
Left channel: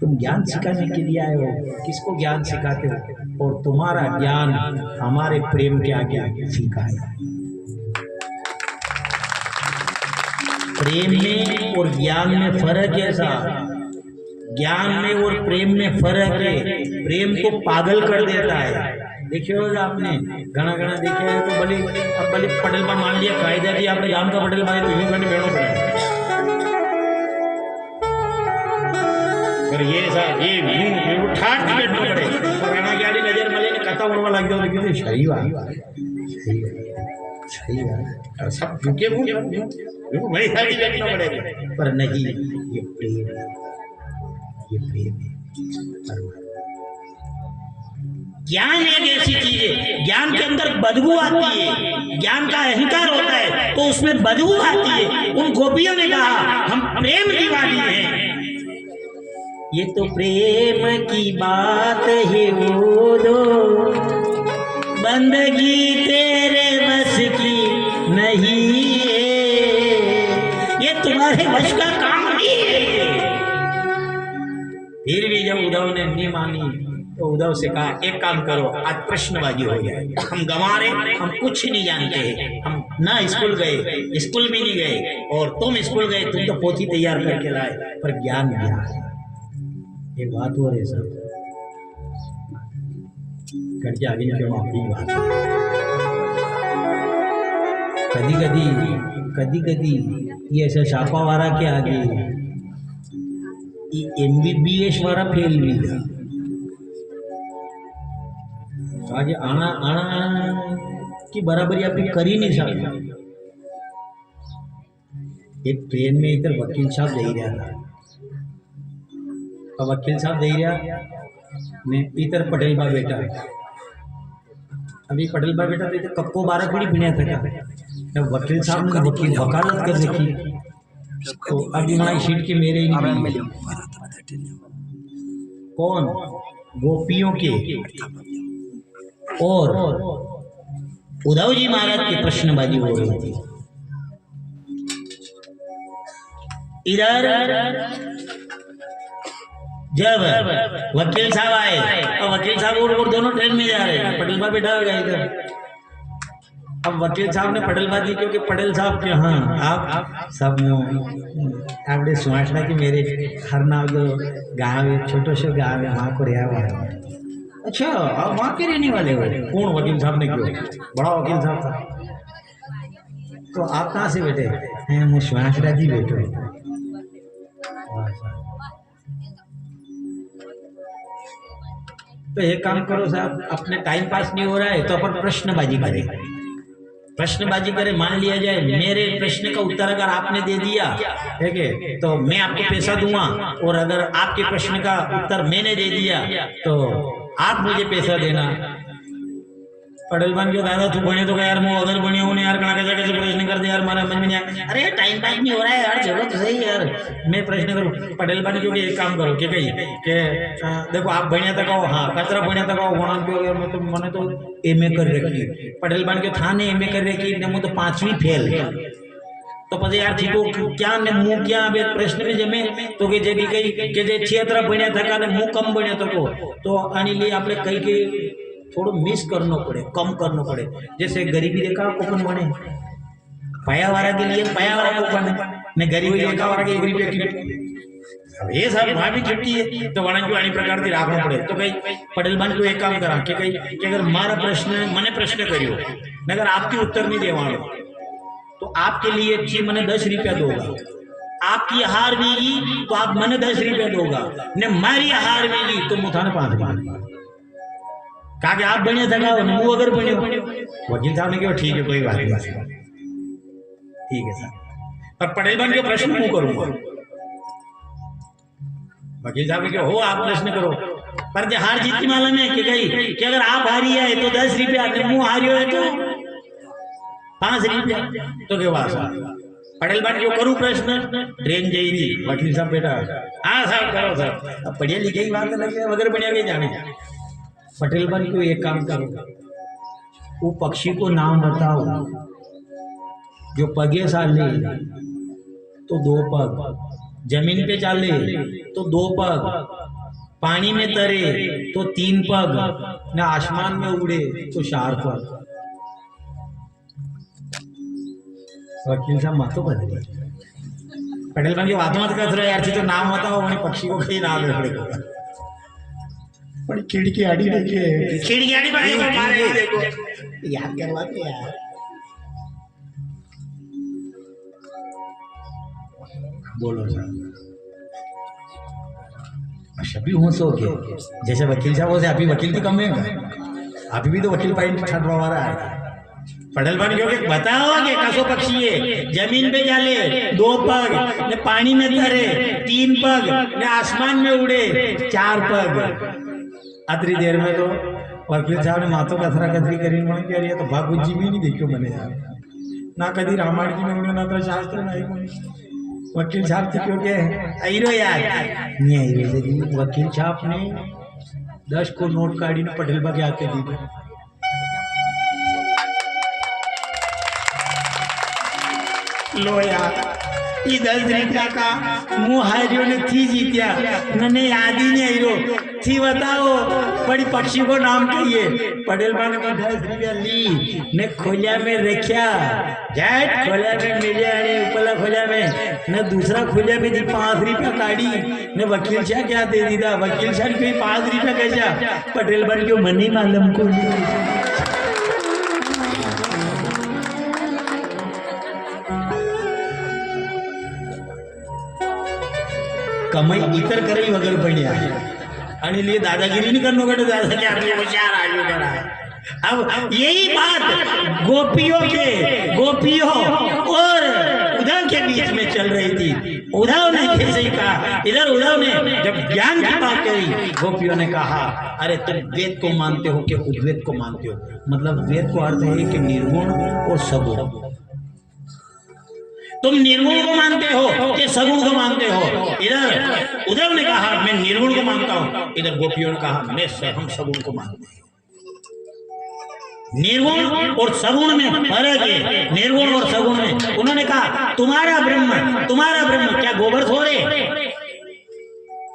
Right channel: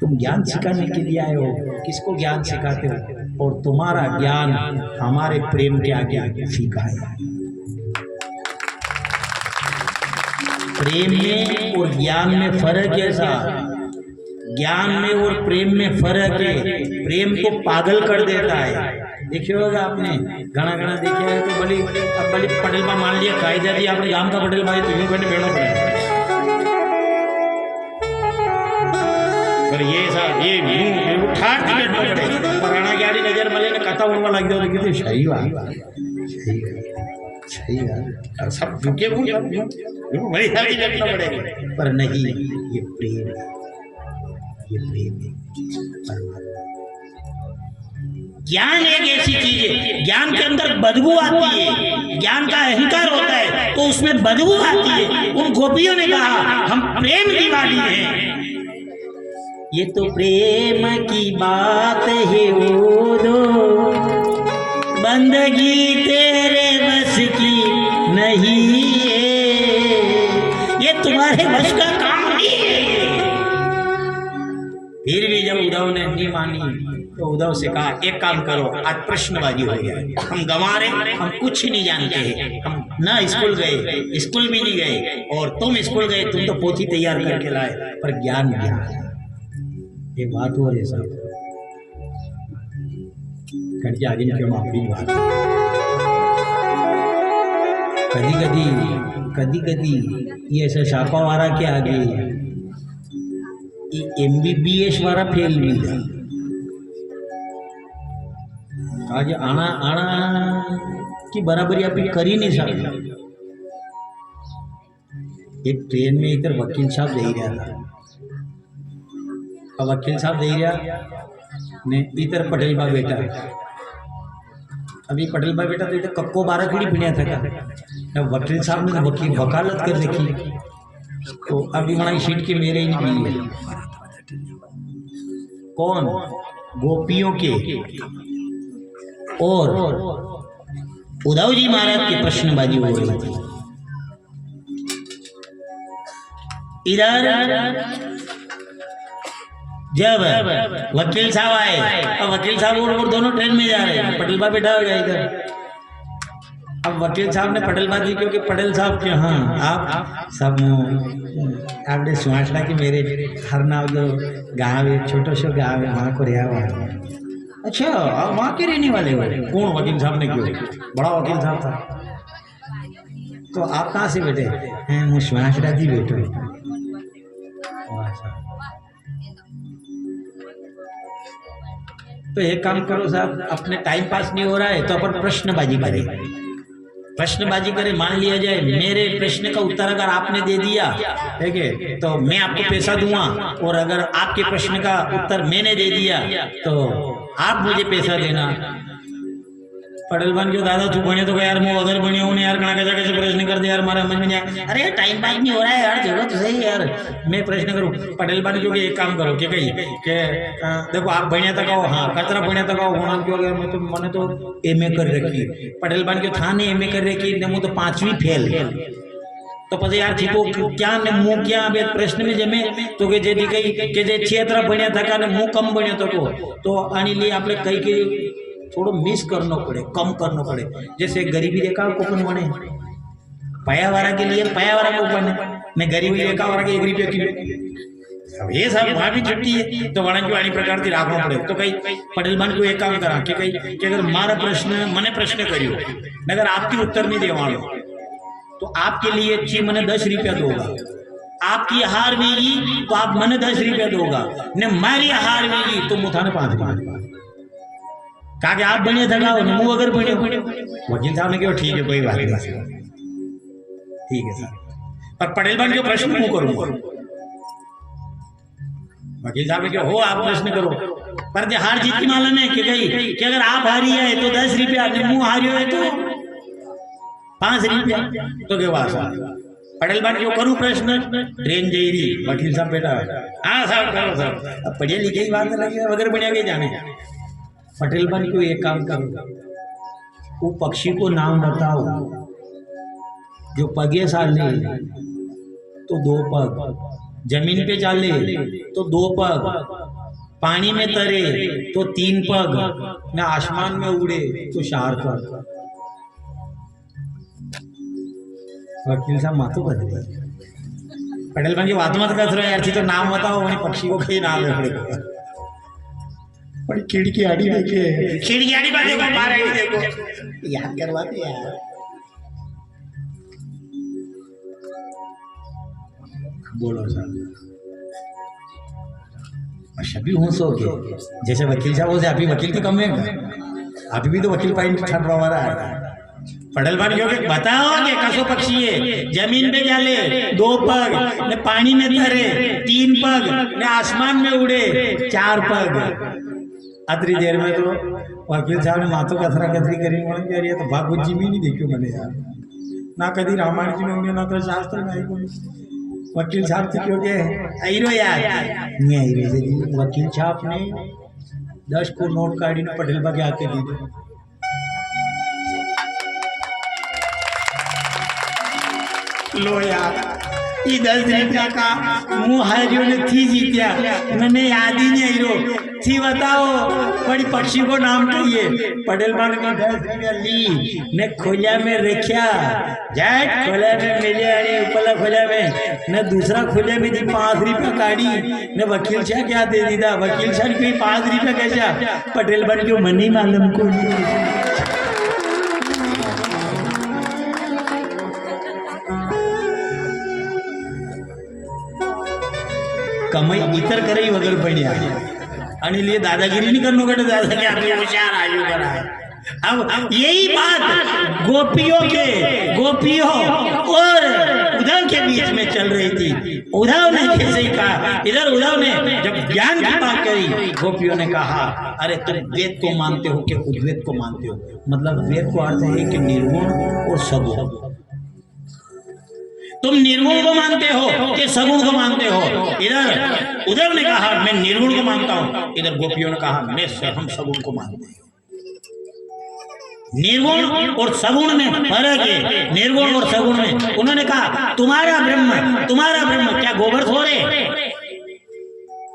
तुम ज्ञान सिखाने के लिए आए हो? किसको ज्ञान सिखाते हो? और तुम्हारा ज्ञान हमारे प्रेम के आगे फीका है। प्रेम में और ज्ञान में फर्क है साहब। ज्ञान में और प्रेम में फर्क है। प्रेम को पागल कर देता है। देखिए होगा आपने घना घना देखे है तो भले अब भले पटेल में मान लिया कायदा दी आपने गांव का पटेल मारे तो यूं मैंने बेड़ो पड़ा। पर ये साहब ये यूं ठाट के बैठो पड़े पुराना गाड़ी नजर मले ने कथा उड़वा लग जाओ लेकिन सही बात सही बात सब झुके वही सारी बैठना पड़ेगा। पर नहीं ये प्रेम है, ये प्रेम है परमात्मा। ज्ञान एक ऐसी चीज है, ज्ञान के अंदर बदबू आती है। ज्ञान का अहंकार होता है तो उसमें बदबू आती है। उन गोपियों ने कहा हम प्रेम दीवानी हैं। ये तो प्रेम की बात है वो दो बंदगी तेरे बस की नहीं है। ये तुम्हारे वश का काम नहीं है ये। फिर भी जब उद्धव ने नहीं मानी तो उद्धव से कहा एक काम करो, आज प्रश्नबाजी हो जाए, हम गंवा रहे, हम कुछ नहीं जानते हैं, हम ना स्कूल गए, स्कूल भी नहीं गए, और तुम स्कूल गए, तुम तो पोथी तैयार करके लाए, पर ज्ञान क्या है? ये बात हो रही साहब, करके आगे क्यों माफी बात। कधी कधी ये ऐसा छापा वाला के आगे MBBS वाला फेल भी था। आज आना की बराबरी आप कर ही नहीं सकते। एक ट्रेन में इधर वकील साहब दे रहा था, अब वकील साहब दे रहा ने इधर पटेल बा बेटा, अभी पटेल बा बेटा तो इधर कक्को 12 खड़ी बिना था। अब वकील साहब ने वकालत कर रखी, तो अभी हमारी सीट के मेरे ही नहीं, कौन गोपियों के और उद्धव जी महाराज की प्रश्नबाजी हो रही थी। इधर जब वकील साहब आए, अब वकील साहब और दोनों ट्रेन में जा रहे हैं, पटेल बा बैठा हो गया इधर। अब वकील साहब ने पटेल बा जी, क्योंकि पटेल साहब के हाँ आप सब आपने सुहासना कि मेरे हर नाव जो गाँव है, छोटो सो गाँव है, वहाँ को रिया हुआ है। अच्छा, आप वहाँ के रहने वाले हो? कौन वकील साहब ने? क्यों? बड़ा वकील साहब था। तो आप कहाँ से बैठे हैं? मैं सुहासना जी बैठे। तो एक काम करो साहब, अपने टाइम पास नहीं हो रहा है तो अपन प्रश्नबाजी करें, प्रश्नबाजी करें। मान लिया जाए मेरे प्रश्न का उत्तर अगर आपने दे दिया, ठीक है, तो मैं आपको पैसा दूंगा, और अगर आपके प्रश्न का उत्तर मैंने दे दिया तो आप मुझे पैसा देना। पटेल बन क्यों दादा तू बने तो यार, मैं अगर बने हूँ यार, कहाँ कैसे प्रश्न कर दे यार, हमारा समझ में नहीं आया। अरे टाइम पास नहीं हो रहा है यार, जगह तो सही यार, मैं प्रश्न करूँ। पटेल बन क्यों एक काम करो कि कही के देखो आप बने तक आओ, हाँ कचरा बने तक आओ, होना क्यों यार, मैं तो मैंने तो MA कर रखी। पटेल बन क्यों था ने MA कर रखी ने, मुझे तो 5वीं फेल, तो પછી યાર થી તો ક્યાં ને હું ક્યાં બે પ્રશ્ન में જમે તો કે જેથી કઈ કે જે ક્ષેત્ર ભણ્યા થકા ને હું કમ ભણ્યો થકો, तो આની लिए આપણે કઈ કે थोड़ा मिस करना पड़े, कम करना पड़े। जैसे गरीबी रेखा कूपन बने, पायावारा के लिए पायावारा कूपन है, ने गरीबी रेखा वाला के 1 रुपया किलो। अब ये सब वहाँ भी छुट्टी है, तो वहाँ की प्रकार की राखना पड़े। तो भाई पटेल बन को एक काम करा कि अगर मारा प्रश्न मैंने प्रश्न करियो, अगर आपकी उत्तर नहीं देवानो तो आपके लिए जी मैंने 10 रुपया दूंगा, आपकी हार वेगी तो आप मैंने 10 रुपया दूंगा, ने मारी हार वेगी तो मुझे 5 रुपया। कहा आप बने थकाओ न मुँह अगर बने। वकील साहब ने कहा ठीक है कोई बात नहीं, ठीक है सर, पर पटेल बन के प्रश्न मुँह करूंगा। वकील साहब ने कहा हो आप प्रश्न करो, पर जो हार जीत की मालूम है कि गई कि अगर आप हारी है तो 10 रुपया, मुँह हारी हो तो 5 रुपया। तो के बाद पटेल बन क्यों करूँ प्रश्न, ट्रेन जा रही, वकील साहब बेटा हाँ साहब करो सर, अब पढ़िया लिखे की बात लगे वगैरह बढ़िया के जाने। पटेल बन क्यों एक काम करो, वो पक्षी को नाम बताओ जो पगे साले तो 2 पग, जमीन पे चाले तो 2 पग, पानी में तरे तो 3 पग, न आसमान में उड़े तो 4 पग। वकील साहब माथो बदले। पटेल बन की बात मत कर यार, थी तो नाम बताओ, उन्हें पक्षी को कहीं नाम रखेगा। बड़ी खिड़की आड़ी देखे, खिड़की आड़ी देखो याद करवाते यार। बोलो सर, सभी होश हो गए जैसे वकील साहब से, अभी वकील की कम है, अभी भी तो वकील पाइन छाट रहा है। पटेल बन क्यों बताओ कि कसो पक्षी है, जमीन पे जाले 2 पग, ने पानी में तरे 3 पग, ने आसमान में उड़े 4 पग। अतरी देर में तो वकील साहब ने माथो कचरा कतरी करी, कह रही है तो भागवत जी में नहीं देखियो मैंने यार, ना कभी रामायण जी में उन्हें, ना तो शास्त्र में आई कोई। वकील साहब थी क्योंकि आईरो यार नहीं आईरो, वकील साहब ने 10 को नोट काढ़ी ने पटेल बागे आते दी। लो यार એ 10 રૂપિયા કા હું હાર્યો નથી જીત્યા મને યાદ ही नहीं रो थी बताओ बड़ी पक्षी को नाम कहिए पटेल मान में 10 रुपया ली ने खोलिया में रखा जैट खोलिया में मेरे आने ऊपरला खोलिया में ने दूसरा खोलिया में जी 5 रुपया काढ़ी ने वकील शाह क्या दे दीदा वकील शाह कोई 5 रुपया कैसा पटेल बन क्यों मनी मालूम को कमाई इतर कराई वगैरह पड़िया आणि लिए दादागिरी नहीं करनो कटे दादा के आगे होशियार आयु करा अब यही बात गोपियों और उद्धव के बीच में चल रही थी उद्धव ने जैसे ही कहा इधर उद्धव ने जब ज्ञान की बात करी गोपियों ने कहा अरे तुम वेद को मानते हो कि उद्वेद को मानते हो मतलब वेद को अर्थ है कि निर्गुण और सगुण तुम निर्गुण को मानते हो कि सगुण को मानते हो इधर उद्धव ने कहा मैं निर्गुण को मानता हूं इधर गोपियों ने कहा हम सगुण को मानते हैं निर्गुण और सगुण में फर्क है निर्गुण और सगुण में उन्होंने कहा तुम्हारा ब्रह्म क्या गोबर थोड़े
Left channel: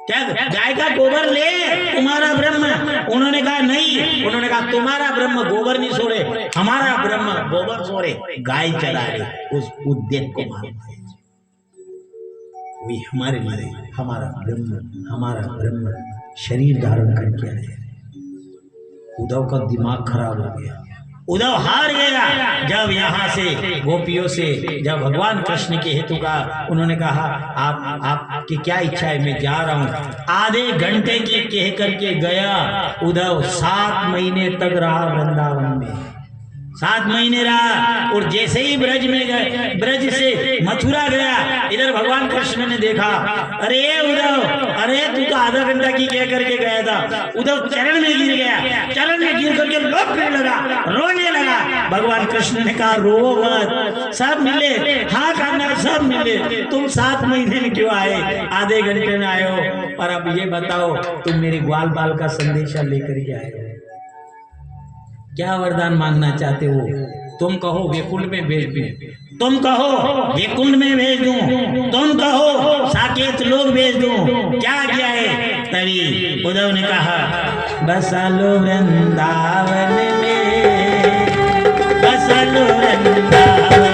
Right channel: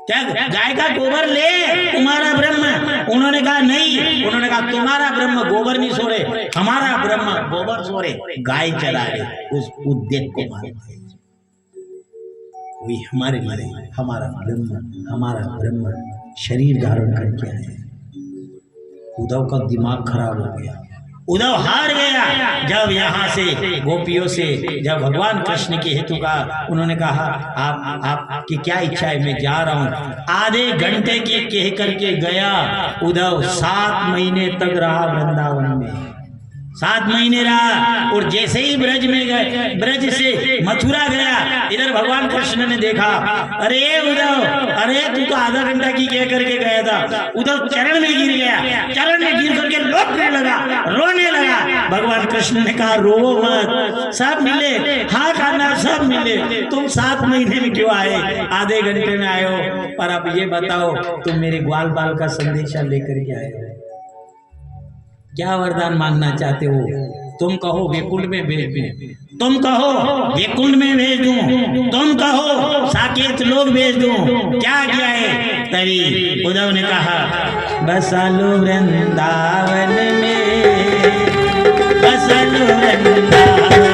क्या गाय का गोबर ले तुम्हारा ब्रह्म उन्होंने कहा नहीं उन्होंने कहा तुम्हारा ब्रह्म गोबर नहीं सोरे हमारा ब्रह्म गोबर सोरे गाय चरा रहे उस उद्देश्य को मानते हैं वही हमारे लिए हमारा ब्रह्म शरीर धारण करके आए उद्धव का दिमाग खराब हो गया उद्धव हार गया जब यहाँ से गोपियों से जब भगवान कृष्ण के हेतु का उन्होंने कहा आपकी क्या इच्छा है मैं जा रहा हूँ आधे घंटे की कह करके गया उद्धव 7 महीने तक रहा वृंदावन में 7 महीने रहा और जैसे ही ब्रज में गए ब्रज से मथुरा गया इधर भगवान कृष्ण ने देखा अरे उद्धव अरे तू तो आधा घंटा की कह करके गया था उद्धव चरण में गिर गया चरण में गिर करके रोने लगा भगवान कृष्ण ने कहा रो मत सब मिले हाँ खाना सब मिले तुम 7 महीने में क्यों आए आधे घंटे में आए हो पर अब ये बताओ तुम मेरे ग्वाल बाल का संदेशा लेकर के आए हो क्या वरदान मांगना चाहते हो तुम कहो वैकुंठ में भेज दूं तुम कहो वैकुंठ में भेज दूं तुम कहो साकेत लोग भेज दूं क्या किया है तभी उद्धव ने कहा बसा लो वृंदावन में बसा लो वृंदावन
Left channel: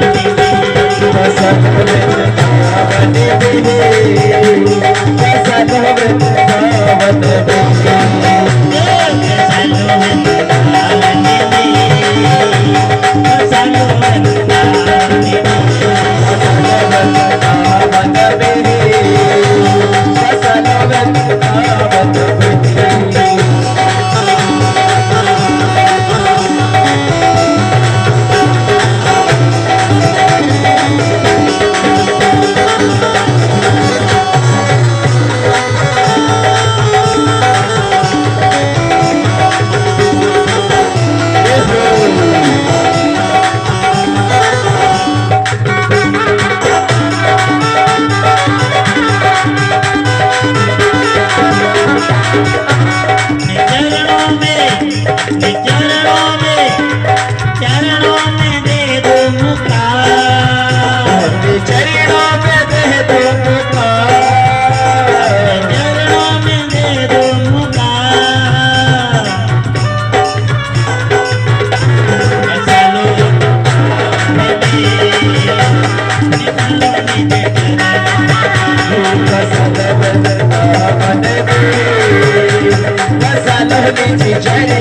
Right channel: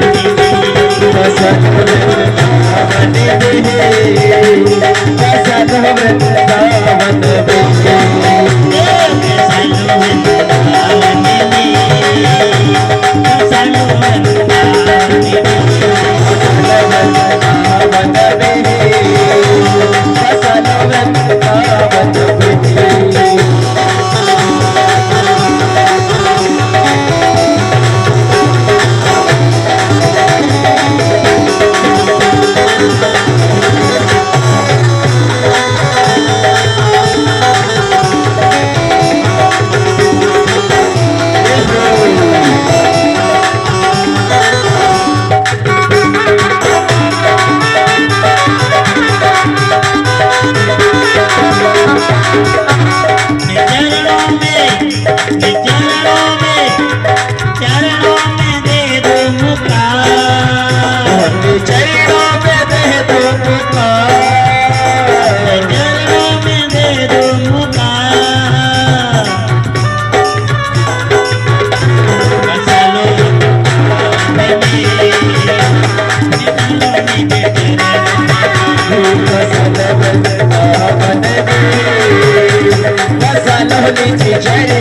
चाहिए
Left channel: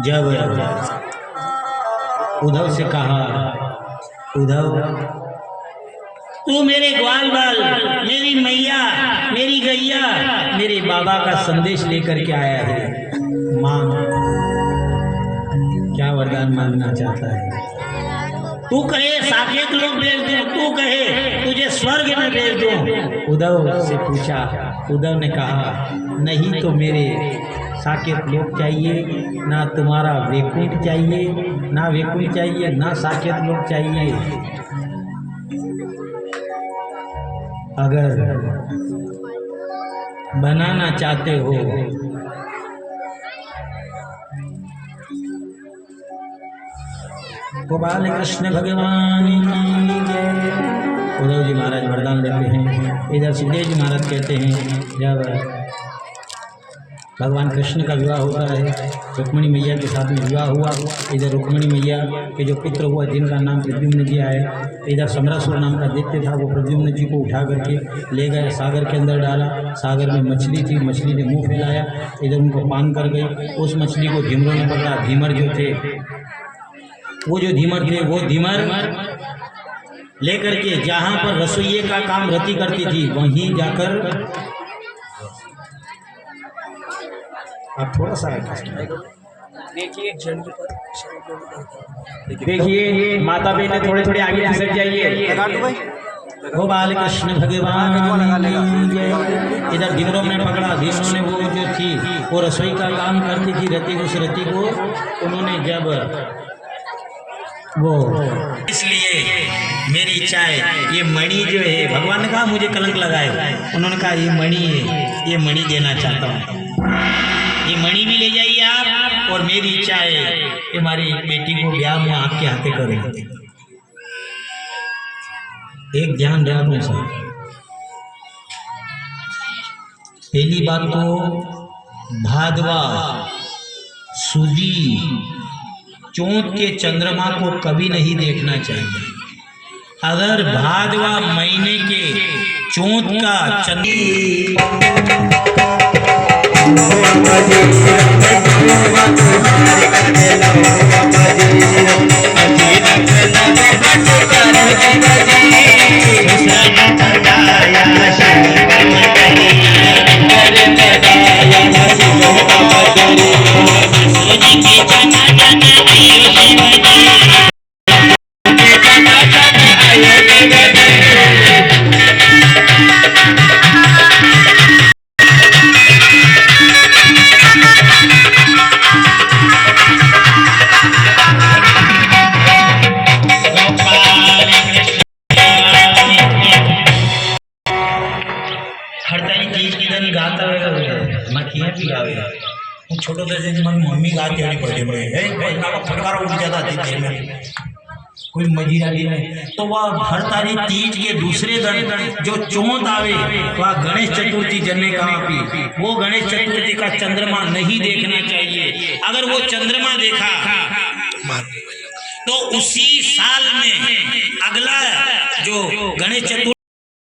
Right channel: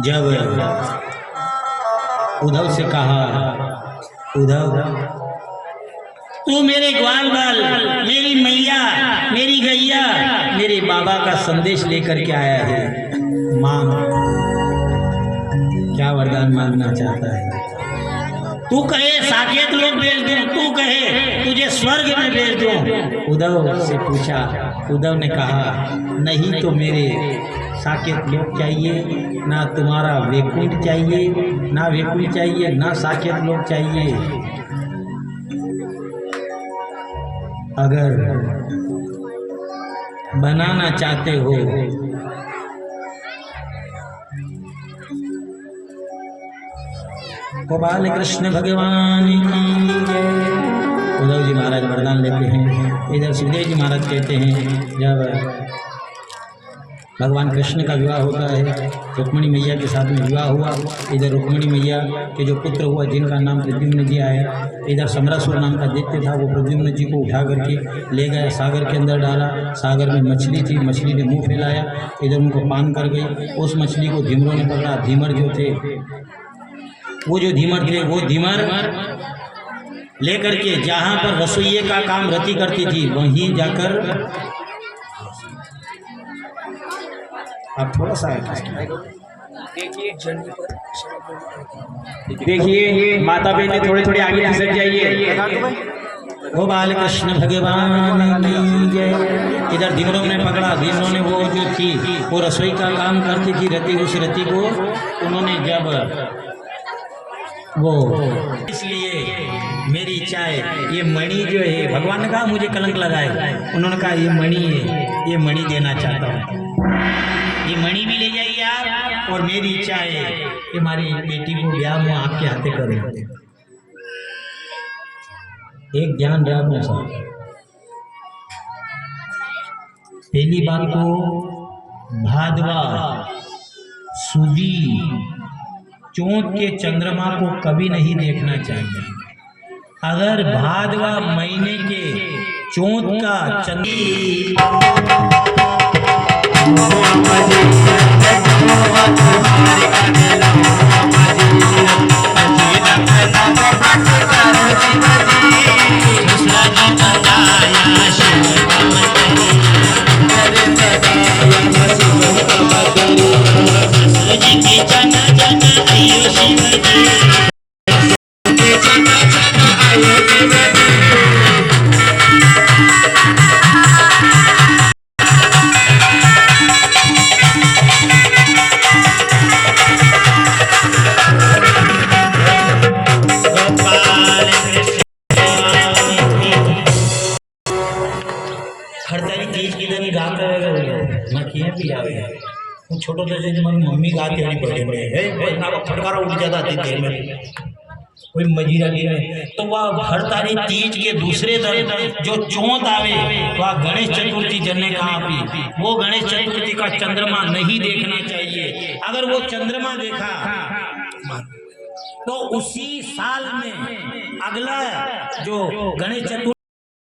जब उद्धव से कहा, उद्धव तू मेरे ग्वाल बाल, मेरी मैया, मेरी गैया, मेरे बाबा का संदेश लेकर के आया है, मांग क्या वरदान मांगना चाहता है? तू कहे साकेत लोग भेज दूं, तू कहे तुझे स्वर्ग में भेज दूं। उद्धव से पूछा, उद्धव ने कहा नहीं तो मेरे साकेत लोग चाहिए, ना तुम्हारा वैकुंठ चाहिए, ना वैकुंठ चाहिए, ना साकेत लोग चाहिए। अगर बनाना चाहते हो तो बाल कृष्ण भगवान की जय। उद्धव जी महाराज वरदान लेते हैं। इधर सुखदेव जी महाराज कहते हैं जब भगवान कृष्ण का विवाह होता है, रुक्मिणी मैया के साथ में विवाह हुआ, इधर रुक्मिणी मैया के जो पुत्र हुआ जिनका नाम प्रद्युम्न जी आया, इधर समरासुर नाम का दैत्य था, वो प्रद्युम्न जी को उठा करके ले गया, सागर के अंदर डाला। सागर में मछली थी, मछली ने मुंह फैलाया, इधर उनको पान कर गई। उस मछली को धीमरों ने पकड़ा। धीमर जो थे, वो जो धीमर थे, वो धीमर लेकर के जहाँ पर रसोइये का काम रति करती थी वहीं जाकर, आप थोड़ा सा देखिए माता बहने थोड़े थोड़े आगे खिसक जाइए। ओ बाल कृष्ण भगवान की जय। इधर धीमरों ने पकड़ा। धीमरों ने वो जो थी वो रसोई का काम करती थी रति, उस रति को उन्होंने जब वो, इसलिए मेरी इच्छा है ये मणि जो है, भगवान ने कहा मुझे कलंक लगाए, उन्होंने कहा ये मणि है, ये मणि देना चाहता हूँ, ये मणि भी ले जाइए आप, और मेरी इच्छा है कि हमारी बेटी को ब्याह मैं आपके हाथे करूँ। एक ध्यान रखना सर, पहली बात तो भादवा सूदी चौथ के चंद्रमा को कभी नहीं देखना चाहिए। अगर भादवा महीने के चौथ का छोटो जैसे हमारी मम्मी गाती है बर्थडे में फटकारा उठ जाता थी देर में कोई मजीरा नहीं है। तो वह हरताली तीज के दूसरे दिन जो चौथ आवे वह गणेश चतुर्थी जन्ने कहाँ पे वो गणेश चतुर्थी का चंद्रमा नहीं देखना चाहिए। अगर वो चंद्रमा देखा तो उसी साल में अगला जो गणेश चतुर्थी